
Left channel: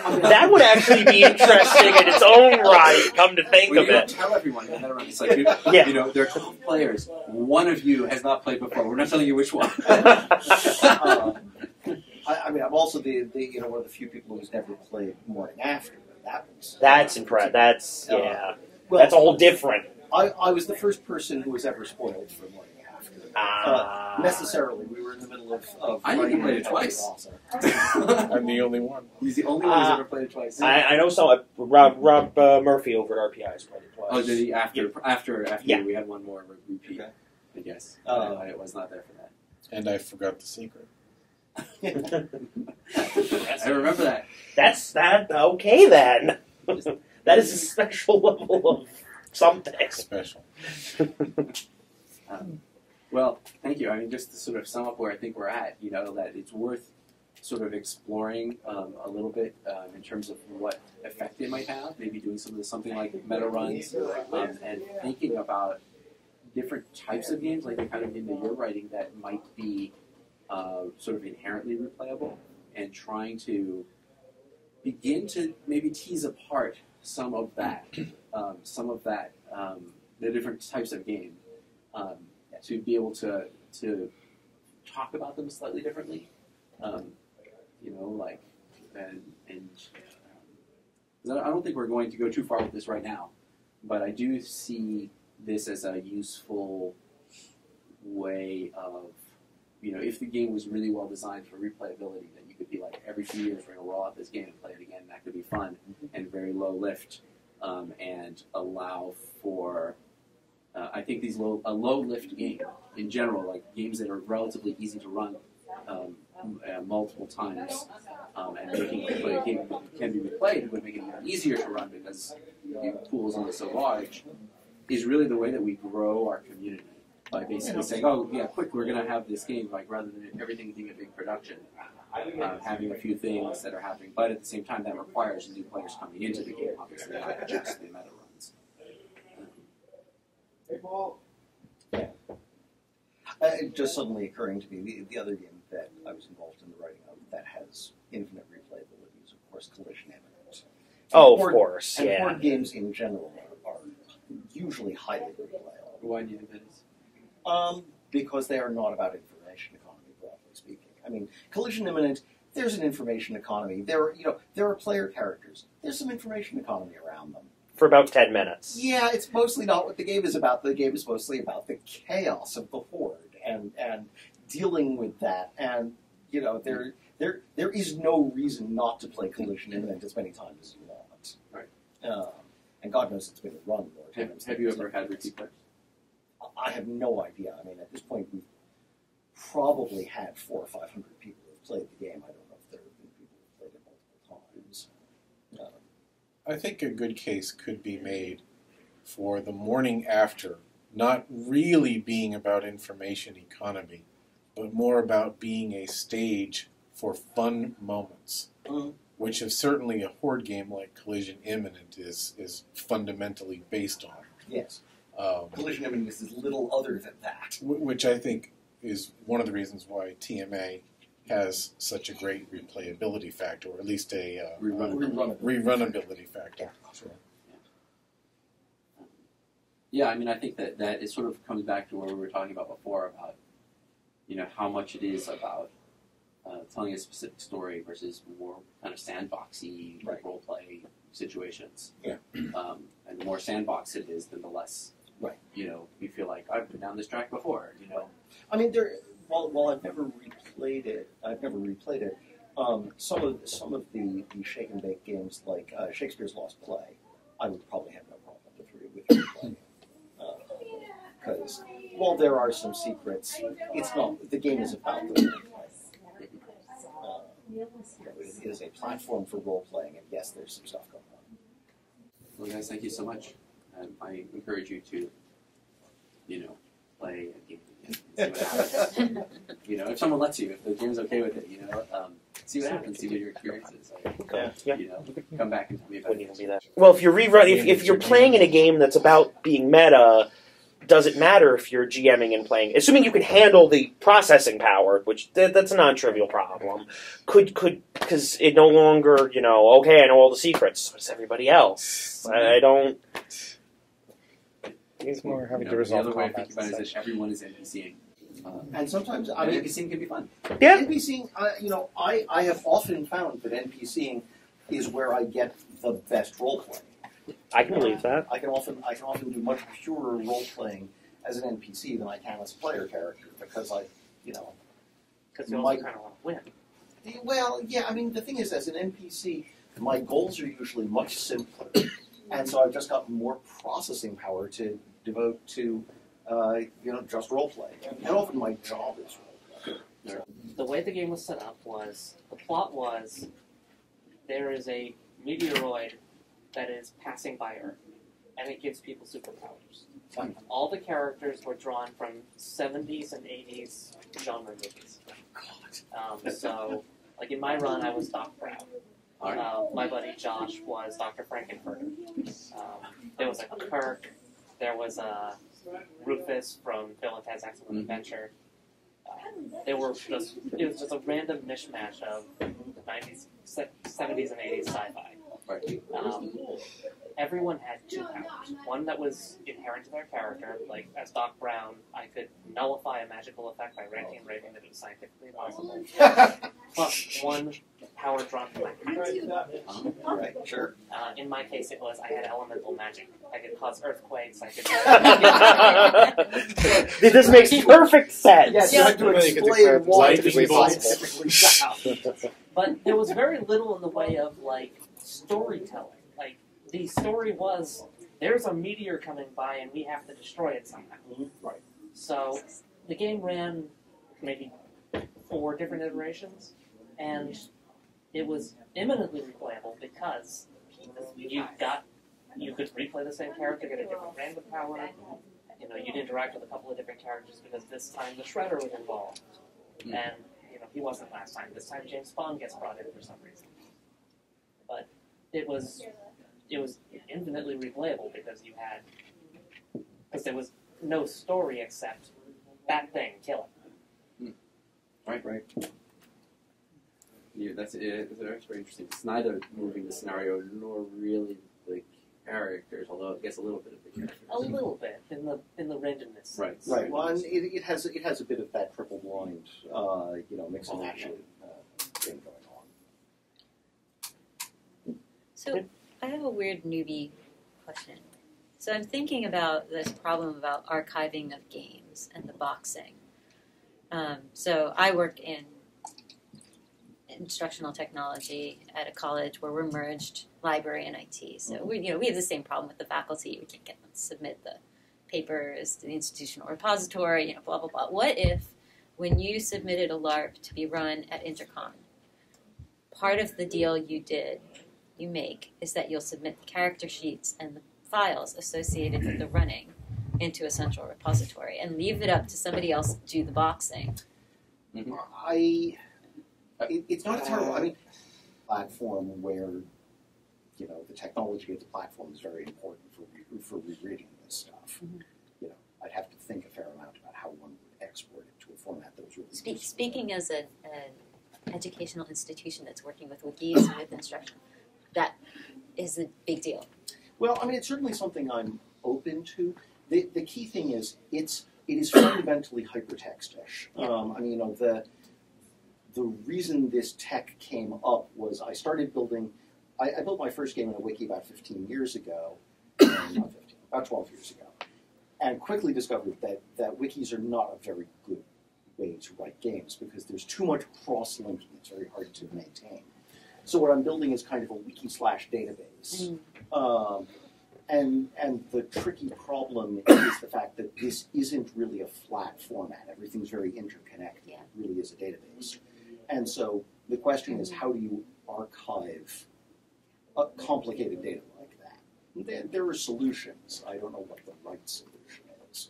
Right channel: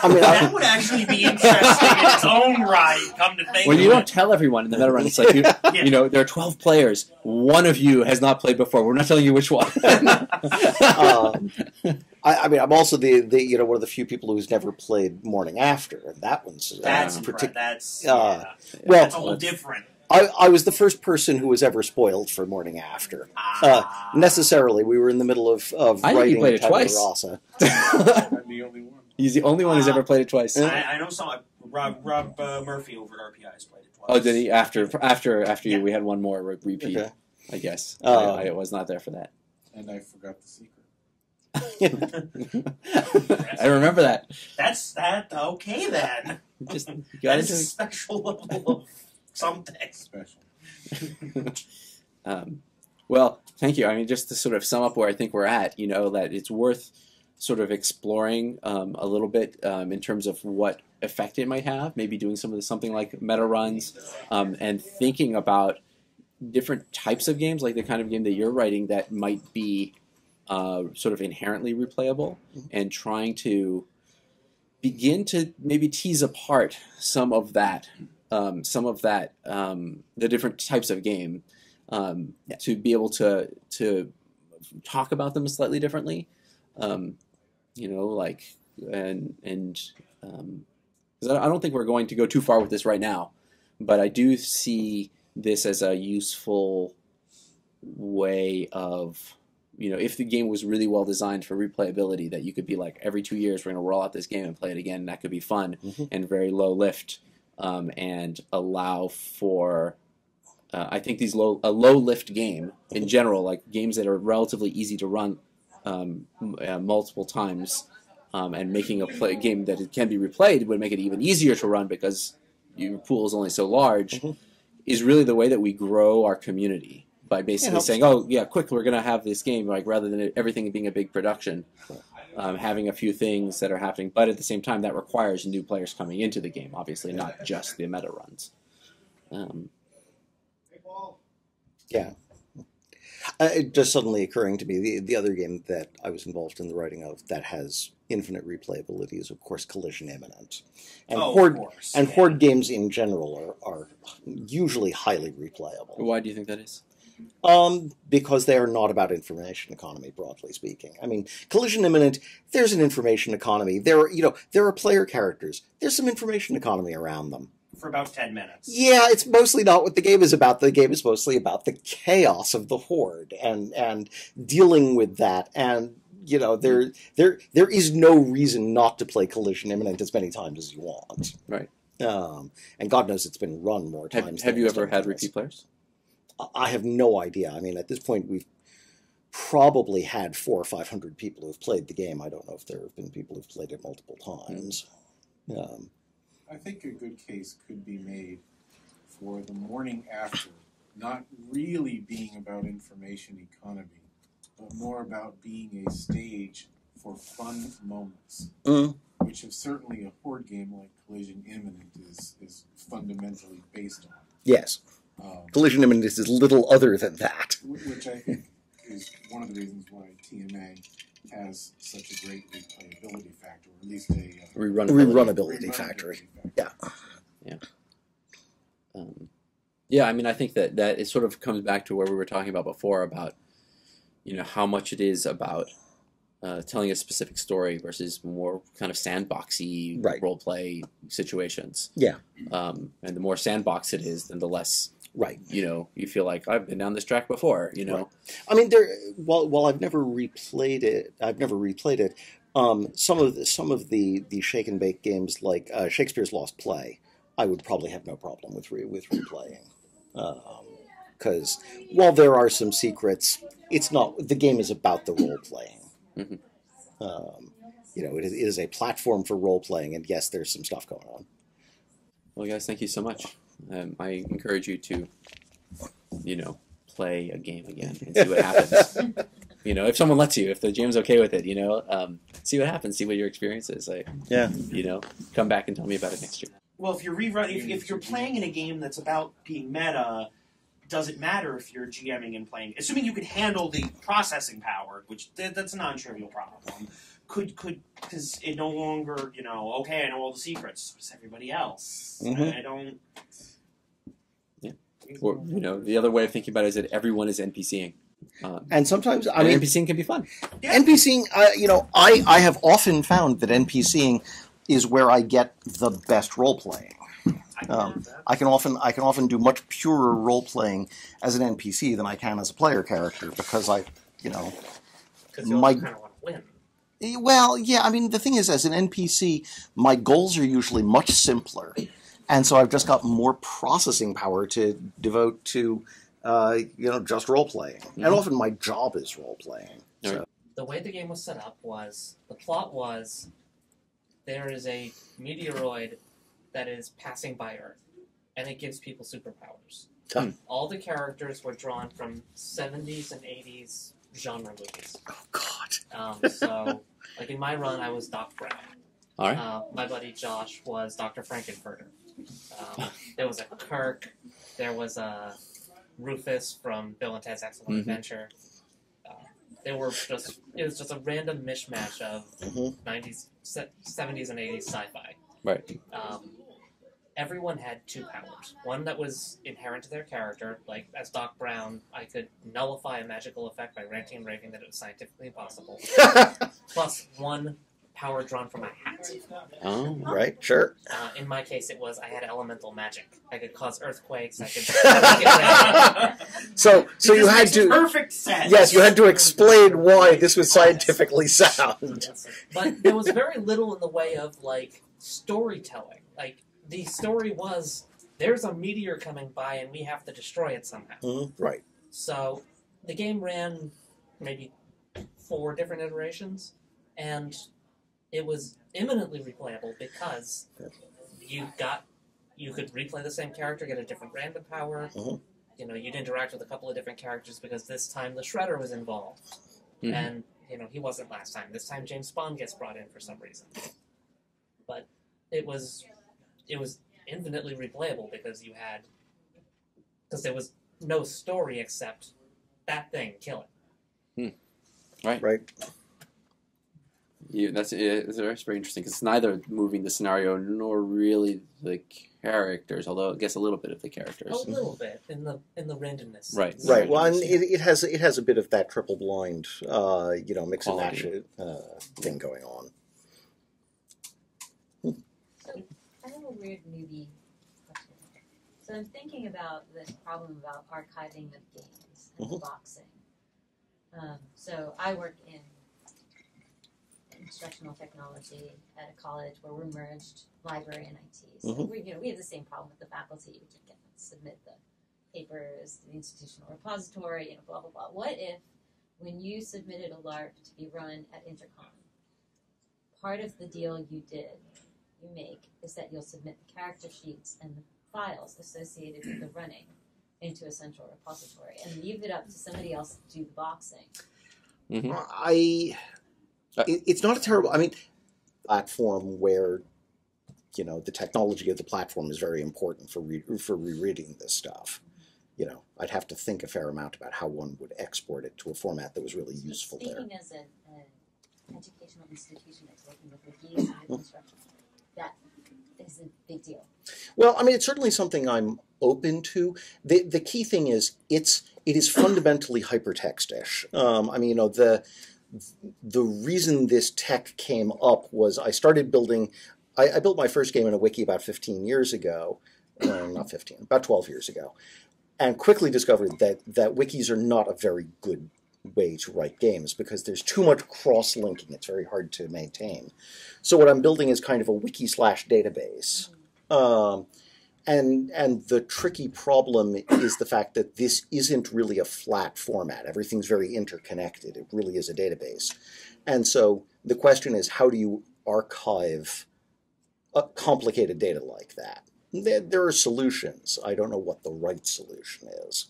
I mean, that would actually be interesting in its own right, come to think when of it. When you don't tell everyone in the meta run, it's like, there are 12 players. One of you has not played before. We're not telling you which one. I mean, I'm also the one of the few people who's never played Morning After, and that one's that's a whole different. I was the first person who was ever spoiled for Morning After. Necessarily, we were in the middle of I think he played it twice. I'm the only one. He's the only one who's ever played it twice. I know some. Rob Murphy over at RPI has played it twice. Oh, did he? After you, we had one more repeat. Okay. I guess I was not there for that, and I forgot the secret. I remember that. That's okay then. That is a special level of something special. Well, thank you. I mean, just to sort of sum up where I think we're at, that it's worth sort of exploring a little bit in terms of what effect it might have, maybe doing something like meta runs, and thinking about different types of games, like the kind of game that you're writing that might be sort of inherently replayable, and trying to begin to maybe tease apart some of that, the different types of game, to be able to talk about them slightly differently, like, and 'cause I don't think we're going to go too far with this right now, but I do see this as a useful way of, if the game was really well designed for replayability, that you could be like, every 2 years we're going to roll out this game and play it again, and that could be fun and very low lift, and allow for, I think a low lift game in general, like games that are relatively easy to run multiple times, and making a game that it can be replayed would make it even easier to run because your pool is only so large, is really the way that we grow our community. By basically saying, oh, yeah, quick, we're going to have this game, like, rather than everything being a big production, having a few things that are happening, but at the same time, that requires new players coming into the game, obviously, not just the meta runs. Just suddenly occurring to me, the other game that I was involved in the writing of that has infinite replayability is, of course, Collision Imminent. And of course. And horde games in general are usually highly replayable. Why do you think that is? Because they are not about information economy, broadly speaking. I mean, Collision Imminent, there's an information economy. There are player characters. There's some information economy around them. For about 10 minutes. Yeah, it's mostly not what the game is about. The game is mostly about the chaos of the horde and dealing with that. And there is no reason not to play Collision Imminent as many times as you want. Right. And God knows it's been run more times. Have you ever had repeat players? I have no idea. I mean, at this point, we've probably had 400 or 500 people who've played the game. I don't know if there have been people who've played it multiple times. I think a good case could be made for the morning after not really being about information economy, but more about being a stage for fun moments, which is certainly a horde game like Collision Imminent is fundamentally based on. Yes. Collision Imminent is little other than that. Which I think is one of the reasons why TMA has such a great replayability factor, or at least a rerunability factor. Yeah, I mean, I think that it sort of comes back to where we were talking about before about, how much it is about telling a specific story versus more kind of sandboxy role play situations. Yeah. And the more sandbox it is, then the less. Right. You feel like I've been down this track before. Right. I mean, while I've never replayed it, some of the shake and bake games like Shakespeare's Lost Play, I would probably have no problem with replaying. Because while there are some secrets, the game is about the role playing. It is a platform for role playing, and yes, there's some stuff going on. Well, guys, thank you so much. I encourage you to, play a game again and see what happens. If someone lets you, if the GM's okay with it, see what happens, see what your experience is. Come back and tell me about it. Well, if you're playing in a game that's about being meta, does it matter if you're GMing and playing? Assuming you can handle the processing power, which that's a non-trivial problem. Because it no longer, okay, I know all the secrets. But it's everybody else. Mm-hmm. I don't. The other way of thinking about it is that everyone is NPCing. And sometimes, NPCing can be fun. Yeah. NPCing, I have often found that NPCing is where I get the best role playing. I can believe that. I can often do much purer role playing as an NPC than I can as a player character because Because you kind of want to win. Well, yeah. I mean, the thing is, as an NPC, my goals are usually much simpler, and so I've just got more processing power to devote to, just role playing. Mm-hmm. And often my job is role playing. So. The way the game was set up was the plot was there is a meteoroid that is passing by Earth, and it gives people superpowers. All the characters were drawn from 70s and 80s genre movies. Oh God. So, like in my run, I was Doc Brown. All right. My buddy Josh was Dr. Frankenfurter. There was a Kirk. There was a Rufus from Bill and Ted's Excellent Adventure. It was just a random mishmash of 90s, 70s, and 80s sci-fi. Right. Everyone had two powers. One that was inherent to their character, like as Doc Brown, I could nullify a magical effect by ranting and raving that it was scientifically impossible. Plus one power drawn from my hat. Oh. Right, sure. In my case, it was I had elemental magic. I could cause earthquakes. I could. So This makes to, perfect sense. yes, you had to explain why this was scientifically sound. But there was very little in the way of like storytelling. Like the story was, there's a meteor coming by and we have to destroy it somehow. Right. So the game ran maybe 4 different iterations, and it was imminently replayable because you could replay the same character, get a different random power. You know, you'd interact with a couple of different characters because this time the Shredder was involved, and you know he wasn't last time. This time James Bond gets brought in for some reason, but it was infinitely replayable because there was no story except that thing, kill it. Right. Yeah, that's very interesting because it's neither moving the scenario nor really the characters, although I guess a little bit of the characters. A little bit in the randomness. Right. Right. Well, and it has a bit of that triple blind, mix and match thing going on. So I have a weird newbie question. So I'm thinking about this problem about archiving of games and the boxing. So I work in instructional technology at a college where we're merged library and IT. So we have the same problem with the faculty. We can't get them to submit the papers to the institutional repository. Blah blah blah. What if, when you submitted a LARP to be run at Intercon, part of the deal you make is that you'll submit the character sheets and the files associated with the running into a central repository and leave it up to somebody else to do the boxing? It's not a terrible. I mean, platform where the technology of the platform is very important for rereading this stuff. I'd have to think a fair amount about how one would export it to a format that was really useful. Speaking as an educational institution that's working with wikis and with instruction, that is a big deal. Well, I mean, it's certainly something I'm open to. The key thing is it is fundamentally hypertext-ish. I mean, the reason this tech came up was I started building. I built my first game in a wiki about 15 years ago, not 15, about 12 years ago, and quickly discovered that wikis are not a very good way to write games because there's too much cross-linking. It's very hard to maintain. So what I'm building is kind of a wiki/database. And the tricky problem is the fact that this isn't really a flat format. Everything's very interconnected. It really is a database. And so the question is, how do you archive complicated data like that? There are solutions. I don't know what the right solution is.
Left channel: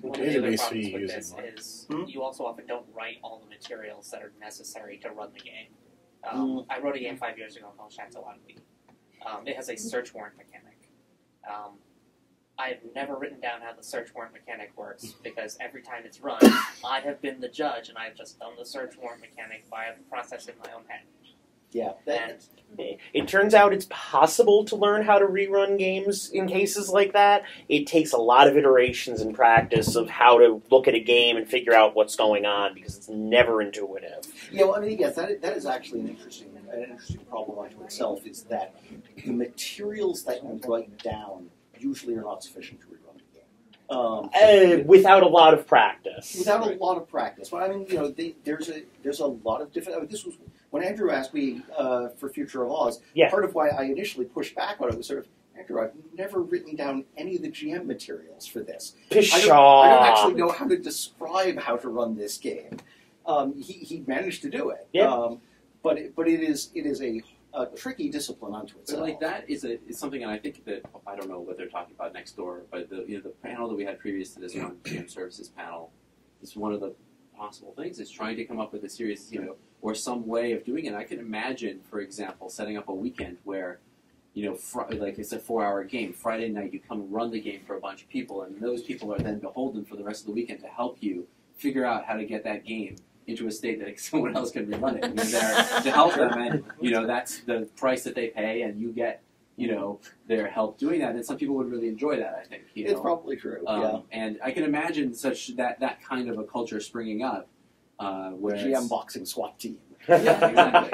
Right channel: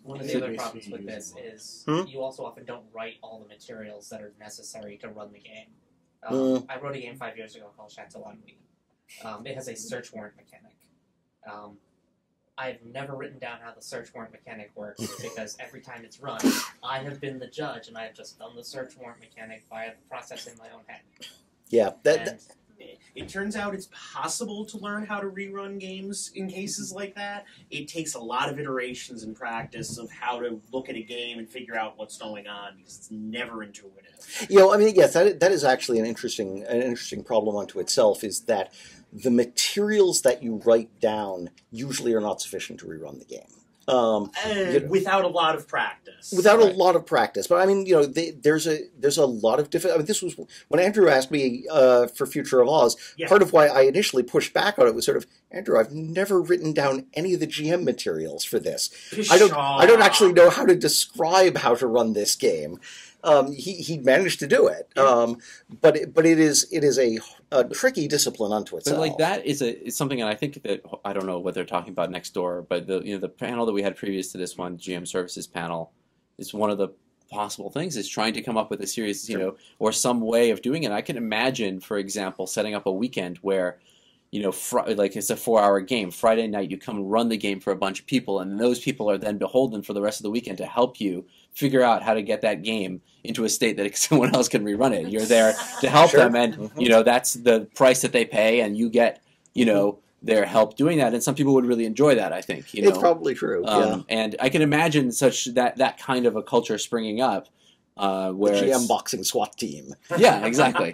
One of the other problems with this is you also often don't write all the materials that are necessary to run the game. I wrote a game 5 years ago called Chateau Ennui. It has a search warrant mechanic. I've never written down how the search warrant mechanic works because every time it's run, I have been the judge and I've just done the search warrant mechanic via the process in my own head. Yeah, it turns out it's possible to learn how to rerun games in cases like that. It takes a lot of iterations and practice of how to look at a game and figure out what's going on because it's never intuitive. I mean, yes, that is actually an interesting problem unto itself. Is that the materials that you write down usually are not sufficient to rerun the game. Without a lot of practice. Without a lot of practice. But I mean, there's a lot of different. I mean, this was when Andrew asked me for Future of Oz. Yeah. Part of why I initially pushed back on it was sort of, Andrew, I've never written down any of the GM materials for this. I don't actually know how to describe how to run this game. He managed to do it. Yeah. But it is a a tricky discipline unto itself. But like that is something, and I think that I don't know what they're talking about next door, but the panel that we had previous to this one, GM Services panel, is one of the possible things is trying to come up with a series, or some way of doing it. I can imagine, for example, setting up a weekend where, like it's a 4-hour game. Friday night, you come run the game for a bunch of people, and those people are then beholden for the rest of the weekend to help you figure out how to get that game into a state that someone else can rerun it. You're there to help them, and that's the price that they pay, and you get their help doing that. And some people would really enjoy that. I think it's probably true. And I can imagine that kind of a culture springing up, where the GM boxing SWAT team. Yeah, exactly.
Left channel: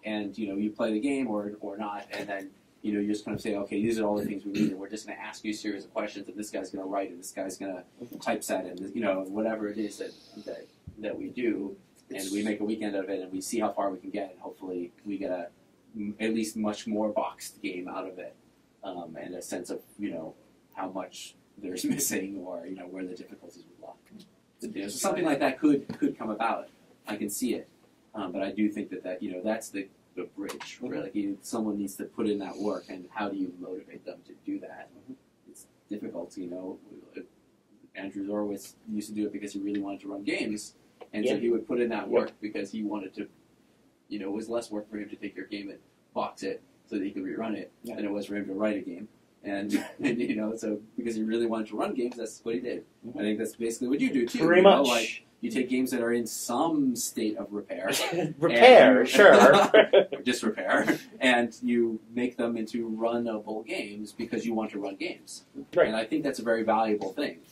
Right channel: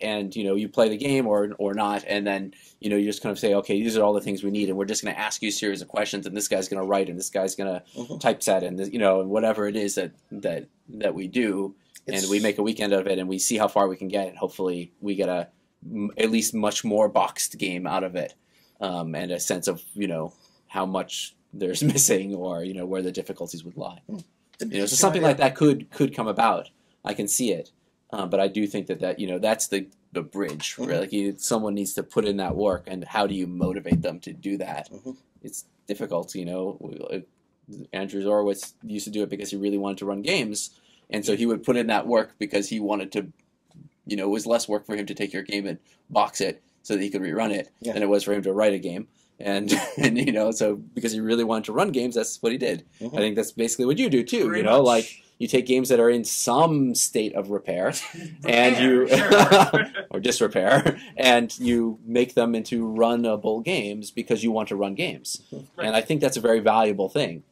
And you play the game or not, and then you just kind of say, okay, these are all the things we need, and we're just going to ask you a series of questions, and this guy's going to write, and this guy's going to typeset, and and whatever it is that we do, and we make a weekend of it, and we see how far we can get, and hopefully we get at least much more boxed game out of it, and a sense of how much there's missing, or where the difficulties would lie. So something like that could come about. I can see it. But I do think that that's the bridge. Right? Someone needs to put in that work, and how do you motivate them to do that? It's difficult. Andrew Zorowitz used to do it because he really wanted to run games, and so he would put in that work because he wanted to. It was less work for him to take your game and box it so that he could rerun it than it was for him to write a game. And so because he really wanted to run games, that's what he did. I think that's basically what you do too. Pretty much. Like you take games that are in some state of repair, or disrepair, and you make them into runnable games because you want to run games. Right. And I think that's a very valuable thing.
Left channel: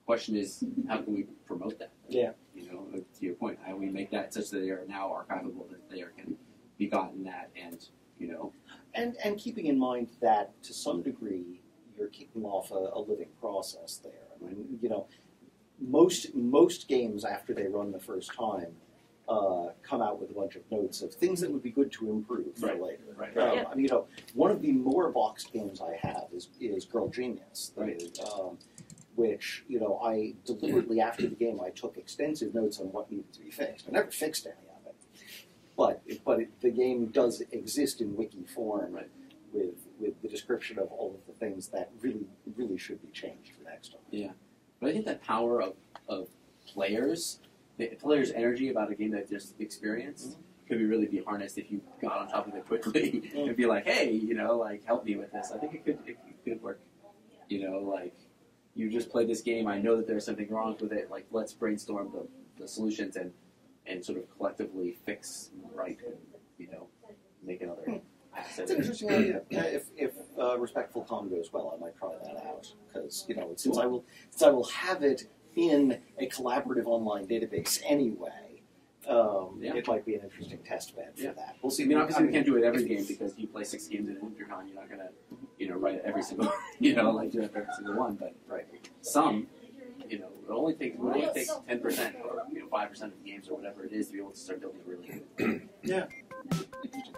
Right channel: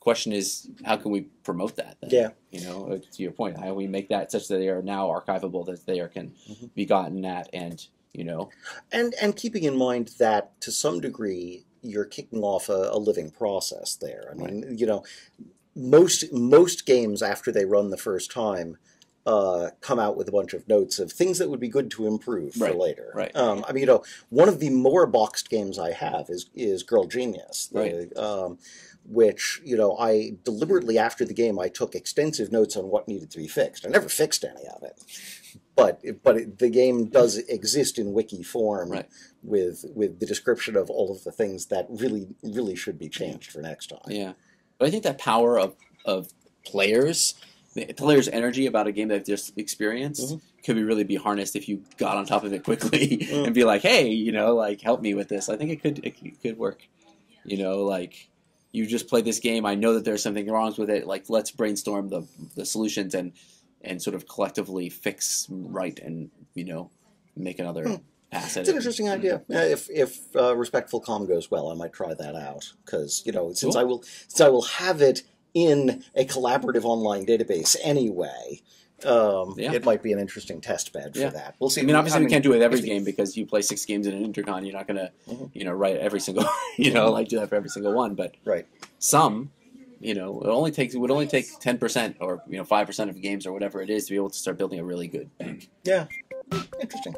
Question is, how can we promote that? Then? To your point, how do we make that such that they are now archivable, that they can be gotten at, and and keeping in mind that to some degree you're kicking off a living process there. I mean, most games after they run the first time come out with a bunch of notes of things that would be good to improve for later. Right. I mean, one of the more boxed games I have is Girl Genius. Which, I deliberately, after the game, I took extensive notes on what needed to be fixed. I never fixed any of it. But the game does exist in wiki form with the description of all of the things that really should be changed for next time. Yeah. But I think that power of players' energy about a game they've just experienced could really be harnessed if you got on top of it quickly and be like, hey, help me with this. I think it could work. You just played this game. I know that there's something wrong with it. Like, let's brainstorm the solutions and sort of collectively fix and make another pass. It's an interesting idea. If Respectful Calm goes well, I might try that out because since I will have it in a collaborative online database anyway. It might be an interesting test bed for that. We'll see. I mean, obviously we can't do it every game because you play 6 games in an Intercon. You're not going to, write every single, do that for every single one. But some, it would only take 10% or 5% of games or whatever it is to be able to start building a really good. Yeah, interesting.